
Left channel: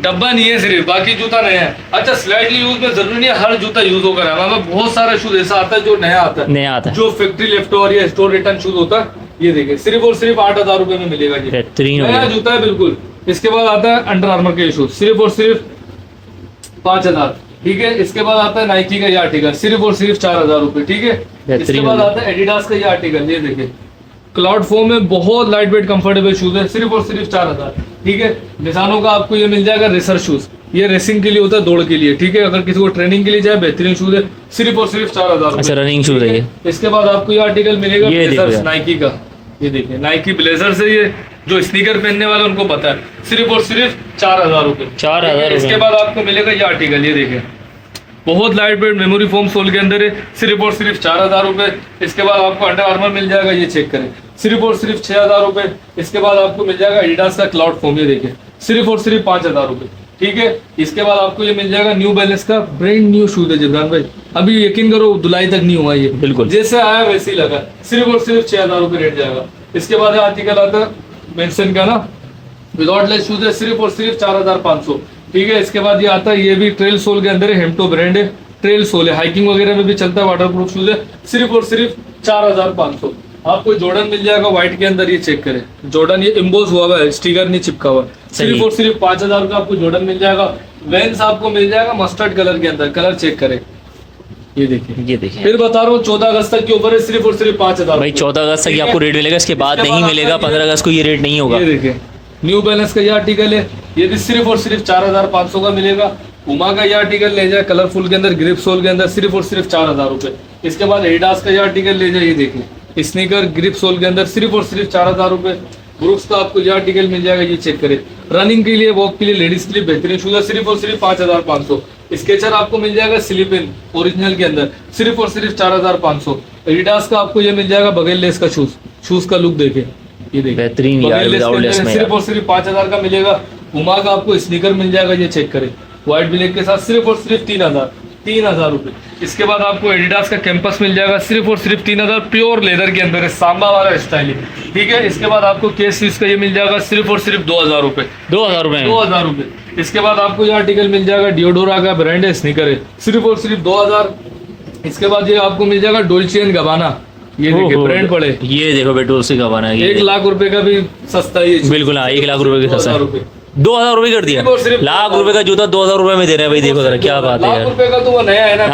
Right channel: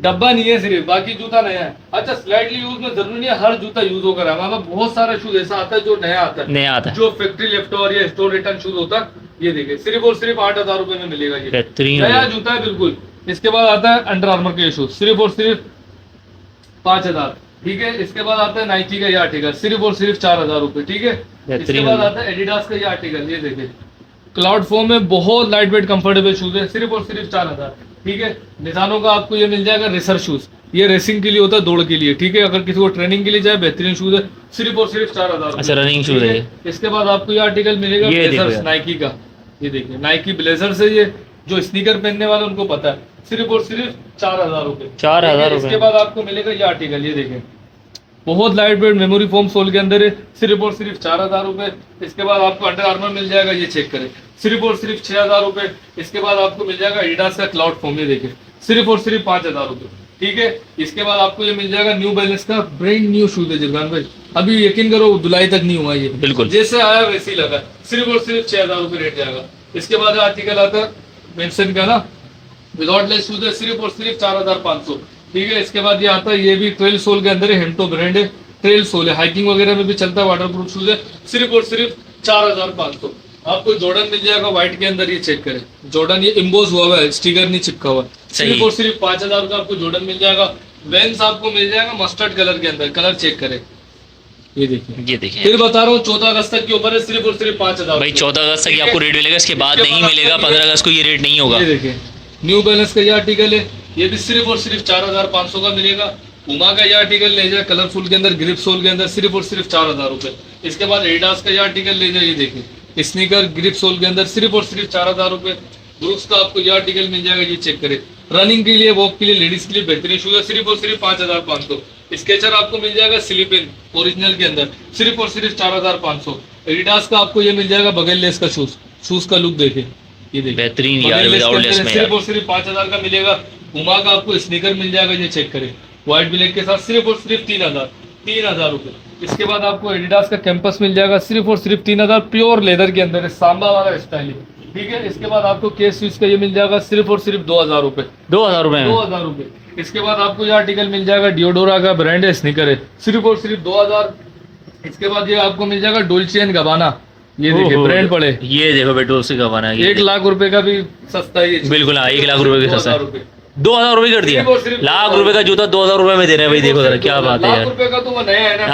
डब्बा नहीं है, सिर्फ बाकी जूता नया है। अच्छा स्लाइटली यूज में जरूरी नहीं है हर जूता यूज होकर है, हमारे पास बहुत सारा शूज ऐसा आता है जो नया आता है, जो फैक्ट्री लेफ्ट और या स्टोर रिटर्न शूज होता है। ये देखिए सिर्फ और सिर्फ 8000 रुपए में मिलेगा, ये बेहतरीन नया जूता है बिल्कुल। इसके बाद आता है अंडर आर्मर के शूज सिर्फ और सिर्फ 5000, ठीक है। इसके बाद आता है नाइकी का ये आर्टिकल सिर्फ और सिर्फ 4000 रुपए, ठीक है। इसके बाद आता है एडिडास का ये आर्टिकल, ये देखिए क्लाउड फोम में बहुत लाइट वेट कंफर्टेबल शूज है, सिर्फ और सिर्फ 4000, ठीक है। निशानों का आपको ये मिल जाएगा रेसर शूज, ये रेसिंग के लिए होता है, दौड़ के लिए, ठीक है। अगर किसी को ट्रेनिंग के लिए जाए बेहतरीन शूज है, सिर्फ और सिर्फ 4000। अच्छा रनिंग शूज है ये। इसके बाद आपको ये आर्टिकल मिलेगा ब्लेजर्स नाइकी का, ये देखिए नाइकी ब्लेजर से, ये जो स्नीकर पहनने वाले उनको पता है, सिर्फ और सिर्फ 4000 रुपए 4000। इसके बाद आपको मिलेगा ये आर्टिकल, ये देखिए बहुत light weight memory foam sole के अंदर है, सिर्फ और सिर्फ 4000 रुपए। इसके बाद आपको अंडर आर्मर मिल जाएगा, ये चेक करें, सिर्फ और सिर्फ 6000 रुपए। इसके बाद आपको मिल जाएगा एडिडास का क्लाउड फोम, ये देखिए सिर्फ और सिर्फ 5000 रुपए, ठीक है। इसके बाद आपको ये मिल जाएगा न्यू बैलेंस का ब्रांड न्यू शूज है जिब्रान भाई, अभी यकीन करो धुलाई तक नहीं हुआ, ये बिल्कुल जैसे आया वैसे ही लगा, सिर्फ और सिर्फ 6000 रुपए रेट जाएगा। इसके बाद आर्टिकल आता है मेंशन का ना विदाउट लेस शूज है, सिर्फ और सिर्फ 4500, ठीक है। इसके बाद ये आता है, ये भी ट्रेल सोल के अंदर है, हेम्टो ब्रांड है, ट्रेल सोल है, हाइकिंग वगैरह में भी चलता है, वाटर प्रूफ शूज है, सिर्फ और सिर्फ 4500। आपको जॉर्डन मिल जाएगा व्हाइट के अंदर, ये चेक करें जॉर्डन, ये इम्बोज हुआ है, स्टिकर नहीं चिपका हुआ, सिर्फ और सिर्फ 5000 का आपको जॉर्डन मिल जाएगा। वेंस आपको मिल जाएगा मस्टर्ड कलर के अंदर, कलर चेक करें, ये देखिए फिर बता रहा हूँ 14 अगस्त तक के ऊपर है, सिर्फ और सिर्फ 5000 भाई। 14 अगस्त तक आपको रेट मिलेगा, इसके बाद नहीं मिलेगा, 15 अगस्त को ये रेट नहीं होगा। ये देखिए न्यू बैलेंस का ये आर्टिकल है, ये भी सिर्फ और सिर्फ 4500 का मिलेगा। पुमा का ये आर्टिकल ले जाए कलरफुल के अंदर, ग्रिप सोल के अंदर, सिर्फ और सिर्फ 4000 रुपए। इसके बाद एडिडास का ये आर्टिकल ले जाए, ये देखिए स्नीकर ग्रिप सोल के अंदर, सिर्फ और सिर्फ 4000 रुपए। ब्रुक्स का आपको ये आर्टिकल मिल जाएगा, ये चेक करें, रनिंग के लिए, वॉक के लिए, लेडीज के लिए बेहतरीन शूज है, सिर्फ और सिर्फ 5500। स्केचर आपको मिल जाएगा स्लिप इन ओरिजिनल के अंदर, सिर्फ और सिर्फ 4500। एडिडास का आपको ये मिल जाएगा बगैर लेस का शूज का लुक देखे, ये देखिए बेहतरीन यार, विदाउट लेस में सिर्फ और सिर्फ 5000 का मिलेगा। पुमा का आपको स्नीकर मिल जाएगा, ये चेक करें व्हाइट ब्लैक के साथ, सिर्फ और सिर्फ 3000 रुपए। इसके बाद आपको एडिडास का कैंपस मिल जाएगा, सिर्फ और सिर्फ 3000, प्योर लेदर के अंदर है, सांबा वाला स्टाइल है, ठीक है। इसके बाद आपको केस स्विच का ये मिल जाएगा, सिर्फ और सिर्फ 2000 रुपए 2000 रुपए। इसके बाद आपको ये आर्टिकल मिल जाएगा, डियोडोरा का ब्रांड है, स्नीकर है, सिर्फ और सिर्फ 2000। इसके बाद ये आपको मिल जाएगा डोल्चे एंड गबाना, ये देखिए ब्रांड पड़े, ये देखो बेटो से गबाना, 1 लाख रुपए का भी सस्ता है ये, बिल्कुल 1 लाख रुपए का सस्ता, 2000 रुपए कर दिया, सिर्फ लाख रुपए का जूता 2000 रुपए में दे रहे हैं भाई, देखो जरा क्या बात है लाख यार। रुपए का तो वो नया है ना,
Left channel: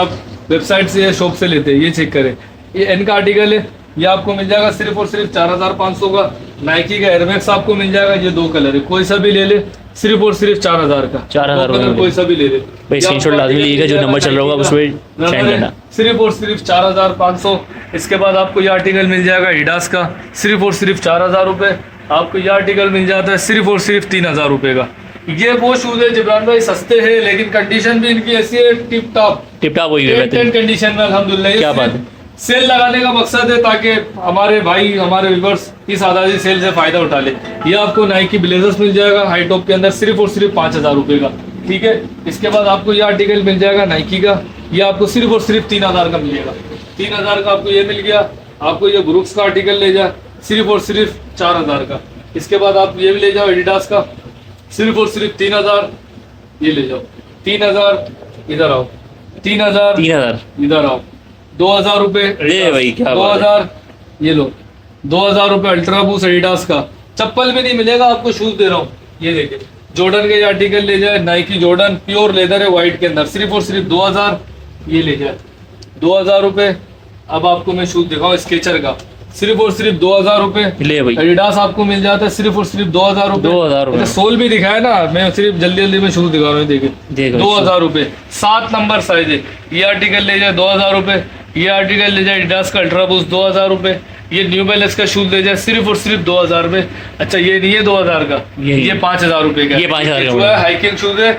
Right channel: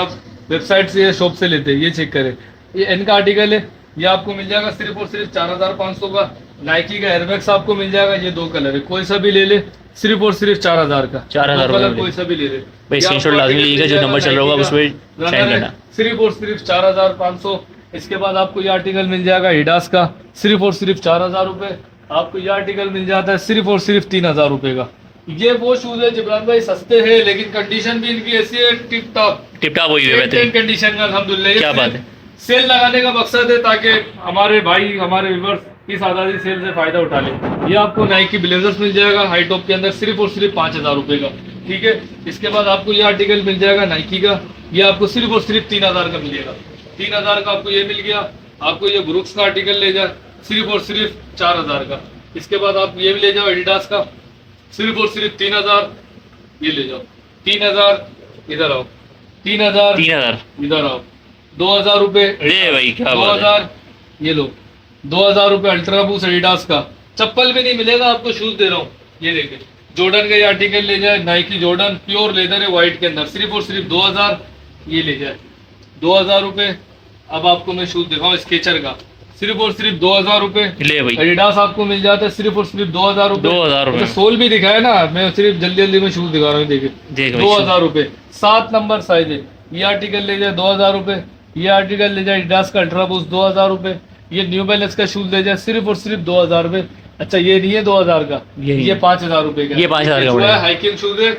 आप वेबसाइट से या शॉप से लेते हैं, ये चेक करें। ये एन का आर्टिकल है, ये आपको मिल जाएगा सिर्फ और सिर्फ 4500 का। नाइकी का एयरमैक्स आपको मिल जाएगा, ये 2 कलर है, कोई सा भी ले ले, सिर्फ और सिर्फ 4000 का, 4000 कलर कोई सा भी ले ले भाई। स्क्रीनशॉट लाजमी लीजिएगा, जो नंबर चल रहा होगा उस पर सेंड करना, सिर्फ और सिर्फ 4500। इसके बाद आपको ये आर्टिकल मिल जाएगा एडिडास का, सिर्फ और सिर्फ 4000 रुपए। आपको ये आर्टिकल मिल जाता है सिर्फ और सिर्फ 3000 रुपए का। ये वो शूज है जिब्रान भाई, सस्ते हैं लेकिन कंडीशन भी इनकी ऐसी है टिप टॉप वही है कंडीशन में, अल्हम्दुलिल्लाह। क्या बात है, सेल लगाने का मकसद है ताकि हमारे भाई, हमारे व्यूअर्स इस आज़ादी सेल से फायदा उठा ले। ये आपको नाइकी ब्लेजर्स मिल जाएगा हाई टॉप के अंदर, सिर्फ और सिर्फ 5000 रुपए का, ठीक है। इसके बाद आपको ये आर्टिकल मिल जाएगा नाइकी का, ये आपको सिर्फ और सिर्फ 3000 का मिलेगा, 3000 का आपको ये मिल गया। आपको ये ब्रुक्स का आर्टिकल ले जाए, सिर्फ और सिर्फ 4000 का। इसके बाद आप ये भी ले जाओ एडिडास का, सिर्फ और सिर्फ 3000, ये ले जाओ 3000, इधर आओ 3000, 3000 इधर आओ 2000 रुपए, अरे भाई क्या बात है। 2000, ये लो 2000 रुपए अल्ट्रा बूस्ट एडिडास का। चप्पल भी नहीं मिलेगा आपको, शूज दे रहा हूँ, ये देखिए जॉर्डन का ये आर्टिकल ले जाए, नाइकी जॉर्डन प्योर लेदर है व्हाइट के अंदर, सिर्फ और सिर्फ 2000, ये ले जाए 2000 रुपए। अब आपको मैं शूज दिखाऊं स्केचर का, सिर्फ और सिर्फ 2000 रुपए। ले भाई एडिडास आपको मिल जाता है सिर्फ और सिर्फ 2000 रुपए। 2000 रुपए। सोल भी दिखाया ना, मैं सिर्फ जल्दी जल्दी में शूज दिखा रहा हूँ, देखिए देखो 2000 रुपए, 7 नंबर साइज है। ये आर्टिकल ले जाए 2000 रुपए, ये आर्टिकल ले जाए एडिडास का अल्ट्रा बूस्ट 2000 रुपए, ये न्यू बैलेंस का शूज ले जाए सिर्फ और सिर्फ 2000 रुपए। अच्छा ये नहीं है 2000 का, ये 5000 रुपए का, ये 5000 का जो है पड़ेगा। हाइकिंग शूज है,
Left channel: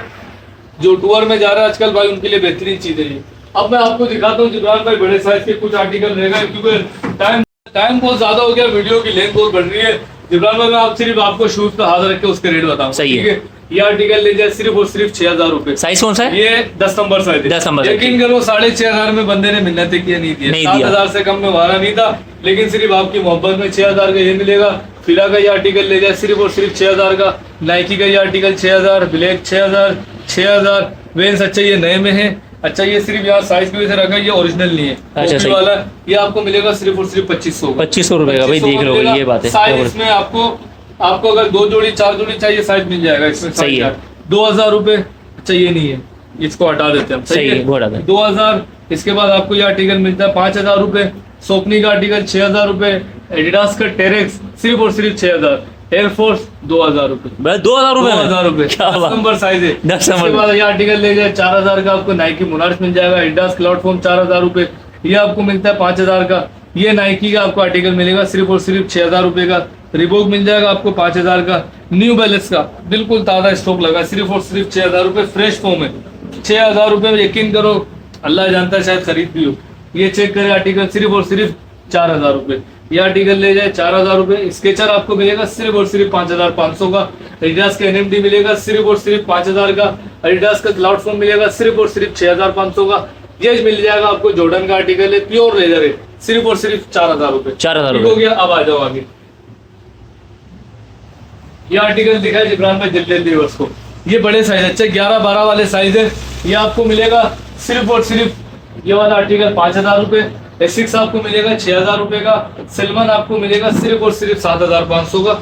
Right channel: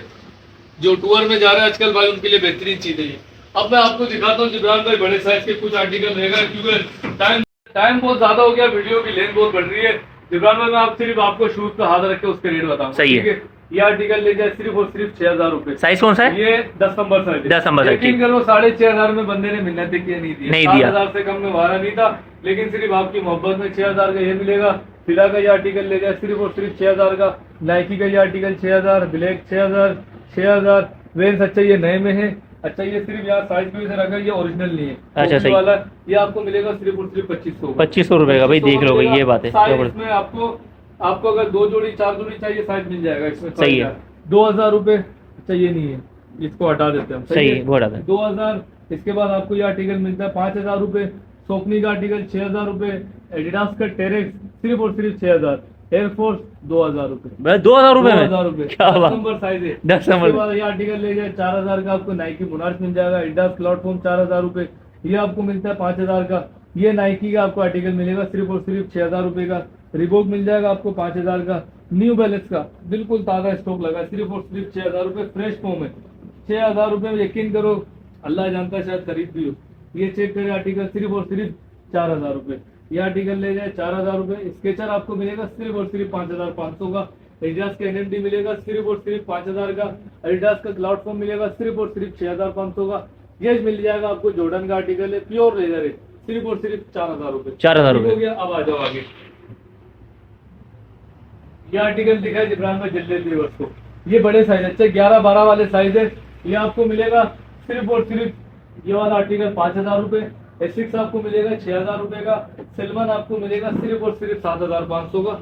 जो टूर में जा रहा है आजकल भाई उनके लिए बेहतरीन चीज है ये। अब मैं आपको दिखाता हूँ जिब्रान भाई बड़े साइज के कुछ आर्टिकल रहेगा, क्योंकि टाइम बहुत ज्यादा हो गया, वीडियो की लेंथ बहुत बढ़ रही है। जिब्रान भाई मैं आप सिर्फ आपको शूज पे हाथ रख के उसके रेट बताऊंगा, सही है। ठीक है। ये आर्टिकल ले जाए सिर्फ और सिर्फ 6000 रुपए। साइज कौन सा है? ये 10 नंबर साइज है। 10 नंबर साइज। यकीन करो 6500 में बंदे ने मिन्नत किया नहीं दिया, नहीं दिया। 7000 से कम में वारा नहीं था, लेकिन सिर्फ आपकी मोहब्बत में 6000 का ये मिलेगा। फिला का ये आर्टिकल ले जाए सिर्फ और सिर्फ 6000 का, नाइकी का ये आर्टिकल 6000, ब्लैक 6000 वेंस। अच्छा ये नए में है। अच्छा ये सिर्फ यहाँ साइज की वजह से रखा है, ये ओरिजिनल नहीं है, अच्छा, कॉपी सही। वाला ये आपको मिलेगा सिर्फ और सिर्फ 2500 का। 2500 रुपए का भाई, 2500 देख लो मिलेगा। ये बात है। साइज में आपको अगर 2 जोड़ी 4 जोड़ी चाहिए साइज मिल जाएगा इसमें। सही है। 2000 रुपए। अच्छा ये नहीं है, इसको हटा देते हैं हम, सही है, वो हटा दें। 2000। इसके बाद आपको ये आर्टिकल मिलता है 5000 रुपए, सोकनी का आर्टिकल 6000 रुपए, एडिडास का टेरेक्स सिर्फ और सिर्फ 6000, एयरफोर्स 2000 रुपए। 2000 रुपए 2000 रुपए, क्या 10 बात। नंबर साइज है। 10 नंबर। इसके बाद ये आर्टिकल ले जाए 4000 का, आपको नाइकी मोनार्च मिल जाएगा, एडिडास क्लाउड फॉर्म 4000 रुपए, ये आपको मिलता है 5000 का। ये नाइकी का आपको आर्टिकल मिलेगा सिर्फ और सिर्फ 6000 रुपए का। रिबोक मिल जाएगा आपको 5000 का। न्यू बैलेंस का बिल्कुल ताज़ा स्टॉक लगा, सिर्फ और सिर्फ 6000 रुपए, फ्रेश फॉर्म है। 6000 रुपए में यकीन करो, अल्लाह जानता है शायद खरीद भी हो। ये चेक करें आर्टिकल सिर्फ और सिर्फ 4000 रुपए। ये आर्टिकल ले जाए 4000 रुपए। स्केचर आपको मिलेगा सिर्फ और सिर्फ 5500 का। एडिडास का एनएमडी मिलेगा सिर्फ और सिर्फ 5000 का। एडिडास का क्लाउड फॉर्म मिलेगा सिर्फ और सिर्फ 6500 का। ये मिल जाएगा आपको जॉर्डन का आर्टिकल है, प्योर लेदर है, सिर्फ और सिर्फ 4000 रुपए। 4000 ठीक हो गया। अब आ जाओ आगे, ये आर्टिकल दिखा है जिब्रान भाई जल्दी जल्दी बस को, ये बड़े साइज, अच्छा 11-12 वाले साइज है। ये आपको मिलेगा सिर्फ और सिर्फ ये वाला आर्टिकल 5000 रुपए। एसिक्स आपको मिलेगा 6000 रुपए का। सलमान आपको मिलेगा सिर्फ और सिर्फ 7500 का।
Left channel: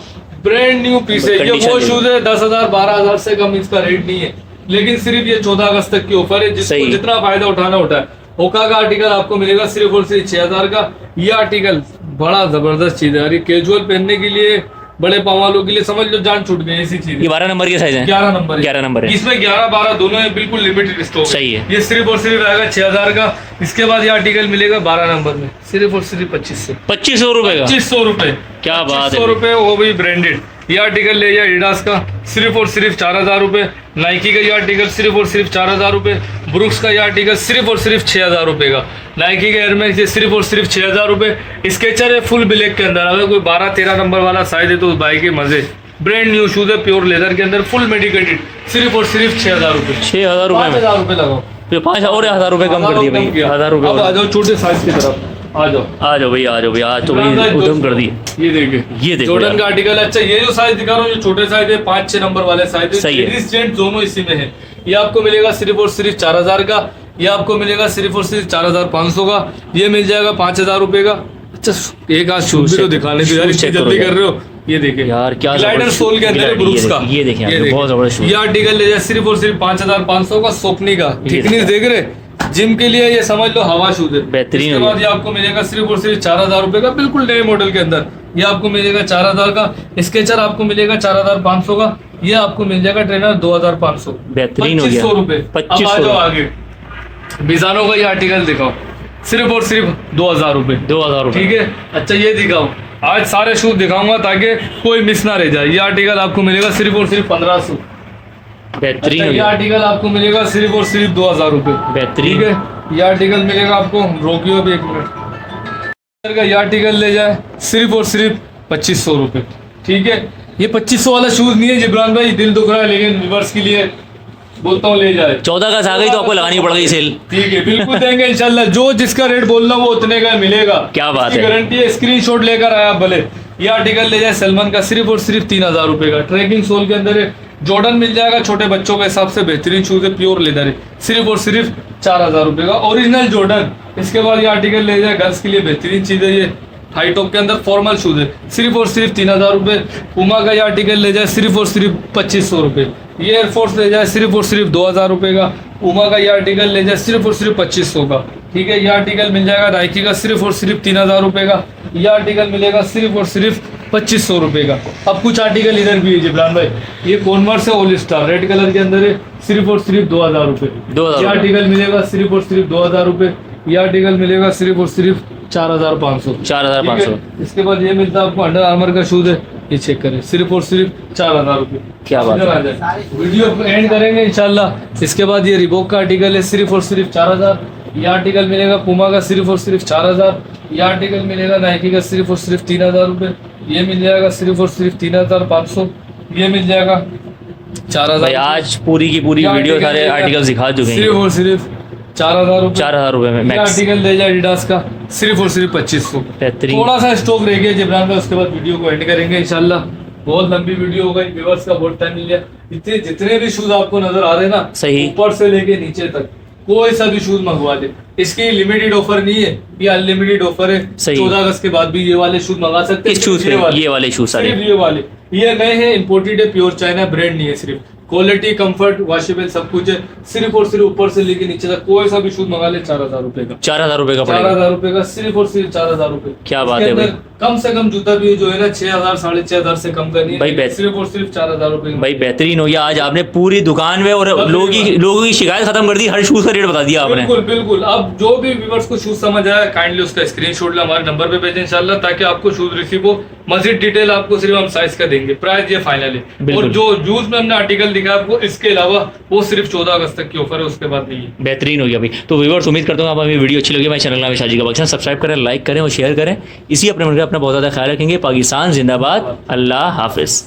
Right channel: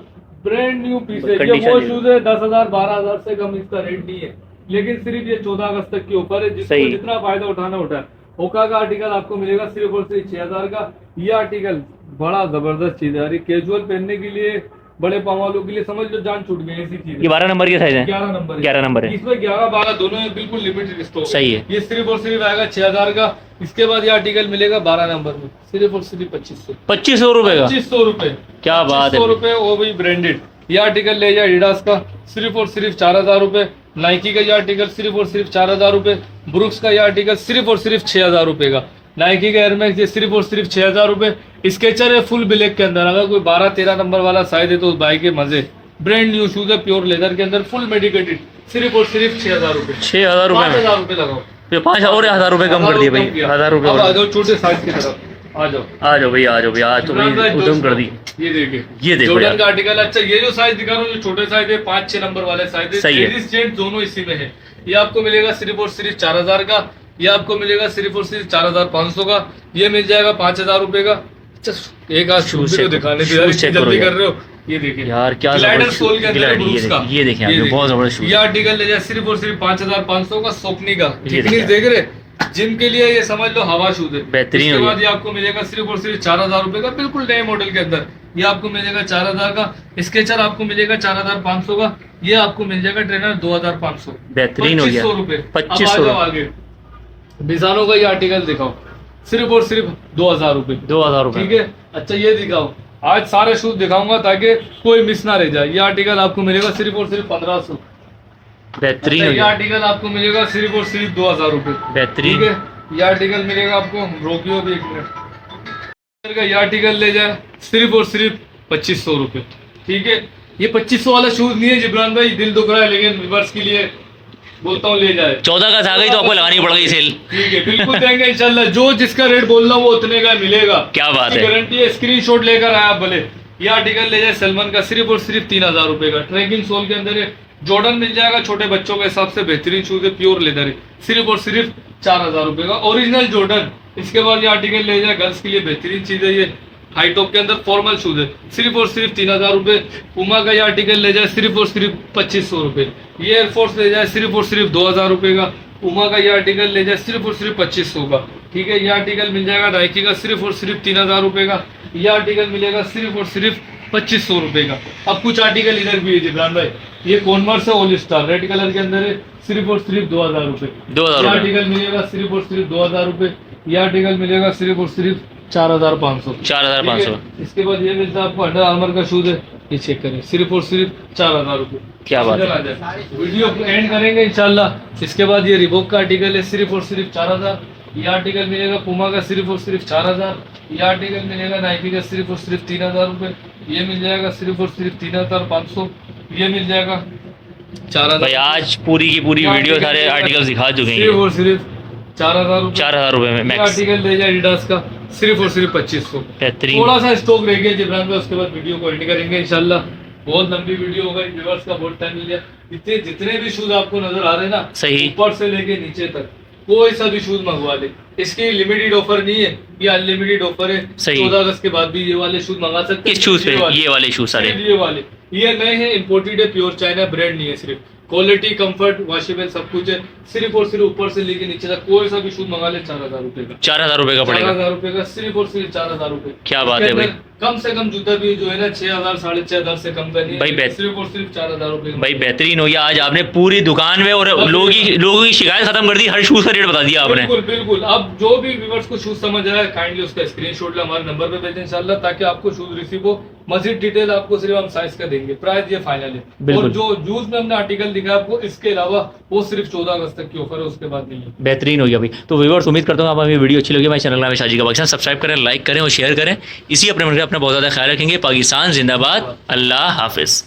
ब्रांड न्यू पीस है। ये वो शूज है 10,000-12,000 से कम इसका रेट नहीं है, लेकिन सिर्फ ये 14 अगस्त तक की ऑफर है, जिसको सही। जितना फायदा उठाना उठाए। होका का आर्टिकल आपको मिलेगा सिर्फ और सिर्फ 6000 का। ये आर्टिकल बड़ा जबरदस्त चीज है यार, ये कैजुअल पहनने के लिए, बड़े पाँव वालों के लिए समझ लो जान छूट गई ऐसी चीज ये 12 नंबर के साइज है। 11 नंबर है। 11 नंबर है। इसमें 11-12 दोनों है, बिल्कुल लिमिटेड स्टॉक सही है। ये सिर्फ और सिर्फ आएगा 6000 का। इसके बाद ये आर्टिकल मिलेगा 12 नंबर में सिर्फ और सिर्फ 2500 2500 रुपए का। 2500 रुपए। क्या बात है 2500 रुपए, वो भी ब्रांडेड। ये आर्टिकल ले जाए एडिडास का सिर्फ और सिर्फ 4000 रुपए। नाइकी का ये आर्टिकल सिर्फ और सिर्फ 4000 रुपए। ब्रुक्स का ये आर्टिकल सिर्फ और सिर्फ 6000 रुपए का। नाइकी का एयरमैक्स ये सिर्फ और सिर्फ 6000 रुपए। स्केचर है फुल ब्लैक के अंदर, अगर कोई 12-13 नंबर वाला साइज है तो उस बाइक के मजे। ब्रांड न्यू शूज है प्योर लेदर के अंदर, फुल मेडिकेटेड, सिर्फ और सिर्फ 6000 रुपए। 6000 रुपए में 5000 रुपए लगाओ, फिर 5 और 1000 रुपए कम कर दिए भाई। 1000 रुपए अब और आ जाओ छोटे साइज की तरफ, आ जाओ। आ जाओ भाई, आ जाओ भाई, आज तो भाई उधम कर दिए। ये देखिए, ये देखो जॉर्डन यार। का आर्टिकल। अच्छा ये जो साइज दिखा रहा हूँ, ये छोटे साइज है, 5-6 नंबर वाले साइज है, सही है। लेडीज जेंट्स दोनों इसी में है। ये आपको मिलेगा सिर्फ और सिर्फ 4000 का। ये आपको मिलेगा सिर्फ और सिर्फ 4500 का। ये मिल जाएगा 5000 रुपए का। अच्छा एक आज शूज तो दिखाने की शूज चेक करो जल्दी यार। कर रहे हो, ये देखिए यार क्या ग्लाइडर जबरदस्त सोल के अंदर ग्लाइडर, ब्रूक्स का। ये देखिए आप, देखिए। बहुत जबरदस्त शूज। ये आर्टिकल ले जाए सिर्फ और सिर्फ 5500 का। सोकनी का ये थिकनेस देख रहे, जिम के लिए ये समझ लो हवा शूज है। बेहतरीन इसके हो बाद गया। ये आपको मिलेगा सिर्फ और सिर्फ 4000 रुपए का, बिल्कुल नए मॉडल के अंदर। ये आपको मिलेगा 4000 का। स्केचर आपको मिलेगा 4500 का। ये आपको मिल जाएगा ट्रेनर 2500। बेहतरीन हो गया। 2500 रुपए। 2500 अब आ जाओ आगे, बिजानो का ये आर्टिकल दिखाओ सिर्फ और सिर्फ 2000 रुपए। 2000 रुपए। ठीक है। अच्छा ये दिखाओ, आज सारे शूज दिखाऊंगा ताकि कोई मिस ना रह जाए। ये आर्टिकल आपको मिलेगा सिर्फ और सिर्फ 1500। बेहतरीन हो ये गया। आर्टिकल आपको मिलेगा सिर्फ और सिर्फ 2000 रुपए। बेहतरीन। ठीक है। ये आर्टिकल मिलेगा आपको, रोकियो भी एक मिनट का। ये आर्टिकल ले जाए सिर्फ और सिर्फ 2500 रुपए। ठीक है। ये 2500 वाला शूज नहीं है जिब्रान भाई, दिल दुख रहा है, लेकिन व्यूअर्स के लिए बोलता हूँ ले जाए। 14 का आ गई तो आपको लगानी पड़ गई सेल। ठीक है, बिल्कुल देंगे इंशाल्लाह। जो जिसका रेट बोल रहा हूँ वो उतने का मिलेगा। क्या बात है। गारंटी है, स्क्रीनशॉट लेकर आया आप भले। ये आर्टिकल ले जाए सलमान का सिर्फ और सिर्फ 3000 रुपये का। ट्रैकिंग सोल के अंदर है, जॉर्डन मिल जाएगा, छोटे बच्चों के हिसाब से बेहतरीन शूज है, प्योर लेदर है, सिर्फ और सिर्फ 4000 रुपये का ओरिजिनल जॉर्डन। इसके बाद ये आर्टिकल ले जाए, गर्ल्स के लिए बेहतरीन चीज़ है, ये हाई टॉप के अंदर फॉर्मल शूज है, सिर्फ और सिर्फ 3000 रुपये। पुमा का ये आर्टिकल ले जाए सिर्फ और सिर्फ 2500 रुपये। ये एयरफोर्स ले जाए सिर्फ और सिर्फ 2000 रुपये का। पुमा का ये आर्टिकल ले जाए सिर्फ और सिर्फ 2500 का। ठीक है, ये आर्टिकल मिल जाएगा नाइकी का सिर्फ और सिर्फ 3000 रुपये का। ये आर्टिकल मिलेगा सिर्फ और सिर्फ 2500 रुपये का। अब कुछ आर्टिकल इधर भी है जिब्रान भाई, ये कॉन्वर्स है ऑल स्टार, रेड कलर के अंदर है, सिर्फ और सिर्फ 2000 रुपये। 2000 ये रुपये। आर्टिकल मिलेगा सिर्फ और सिर्फ 2000 रुपये। ये आर्टिकल मिलेगा सिर्फ और सिर्फ 4500। 4500। इसके बाद ये मिलता है आपको अंडर आर्मर का शूज है, ये चेक करें, सिर्फ और सिर्फ 4000 रुपये। क्या बात है। इधर आ जाए, वीडियो एंड करेंगे इंशाल्लाह। इसके बाद ये रिबॉक का आर्टिकल है सिर्फ और सिर्फ 4000। ये आर्टिकल मिलेगा पुमा का सिर्फ और सिर्फ 4000। ये आर्टिकल मिलेगा नाइकी का सिर्फ और सिर्फ 3000 रुपये। ये मिल जाएगा सिर्फ और सिर्फ 3500। ये मिल जाएगा 4000। भाई आज पूरी की पूरी वीडियो सारे आर्टिकल दिखा चुके सिर्फ हैं। और सिर्फ 4000 रुपये। 4000 रुपये में ये मैक्स। आर्टिकल ले जाए एडिडास का सिर्फ और सिर्फ 2500। बेहतरीन। थोड़ा सा स्टॉक रह गया जिब्रान भाई, उसके बाद वीडियो को एंड करेंगे इंशाल्लाह। बहुत लंबी वीडियो हो गई, व्यूअर्स का बहुत टाइम मिल गया। इतने जितने भी शूज आपको नजर आ रहे हैं ना, सही। ऊपर से लेके नीचे तक कोई सा भी शूज मंगवा ले, इसकी लिमिटेड ऑफर नहीं है, ये अनलिमिटेड ऑफर है। सही। 14 अगस्त के बाद भी ये वाले शूज मंगा सकते हैं। इस शूज पे ये वाले शूज सारे। सिर्फ ये वाले, ये नए हैं, इम्पोर्टेड है, प्योर चाइना, ब्रांड नहीं है, सिर्फ क्वालिटी, कंफर्ट, वॉशेबल सब कुछ है। सिर्फ और सिर्फ ऊपर से लेके नीचे तक कोई सा भी शूज मंगा ले 4000 रुपये का। 4000 रुपये का पड़ेगा। 4000 रुपये का, सिर्फ और सिर्फ 4000 रुपये। क्या बात है भाई। कम से कम जूता भी जो है ना 6000 6500 से कम का नहीं है भाई सिर्फ और सिर्फ 4000 रुपये का। भाई बेहतरीन हो गया, आज आपने पूरी दुकान में और लोगों की शिकायत खत्म कर दी, हर शूज का रेट बता दिया आपने। बिल्कुल बिल्कुल। अब जो भी व्यूअर्स को शूज समझ आया काइंडली उसका स्क्रीनशॉट ले हमारे नंबर पे भेजें इंशाल्लाह, ताकि आपको शूज रिसीव हो। मजीद डिटेल आपको सिर्फ हम साइज का देंगे, प्राइस ये फाइनल है। बिल्कुल। और जो यूज में हमने आर्टिकल दिखा आपको, इसके अलावा वो सिर्फ 14 अगस्त तक की ऑफर है, उसके बाद नहीं है। बेहतरीन हो गया भाई। तो व्यूअर्स उम्मीद करता हूँ आप हमें वीडियो अच्छी लगी। हमारे चैनल नाम है शाजी का बख्शा, सब्सक्राइब करें, लाइक करें और शेयर करें। इसी अपने मन में अपना बहुत ज़्यादा ख्याल रखेंगे। पाकिस्तान जिंदाबाद, अल्लाह हाफिज़।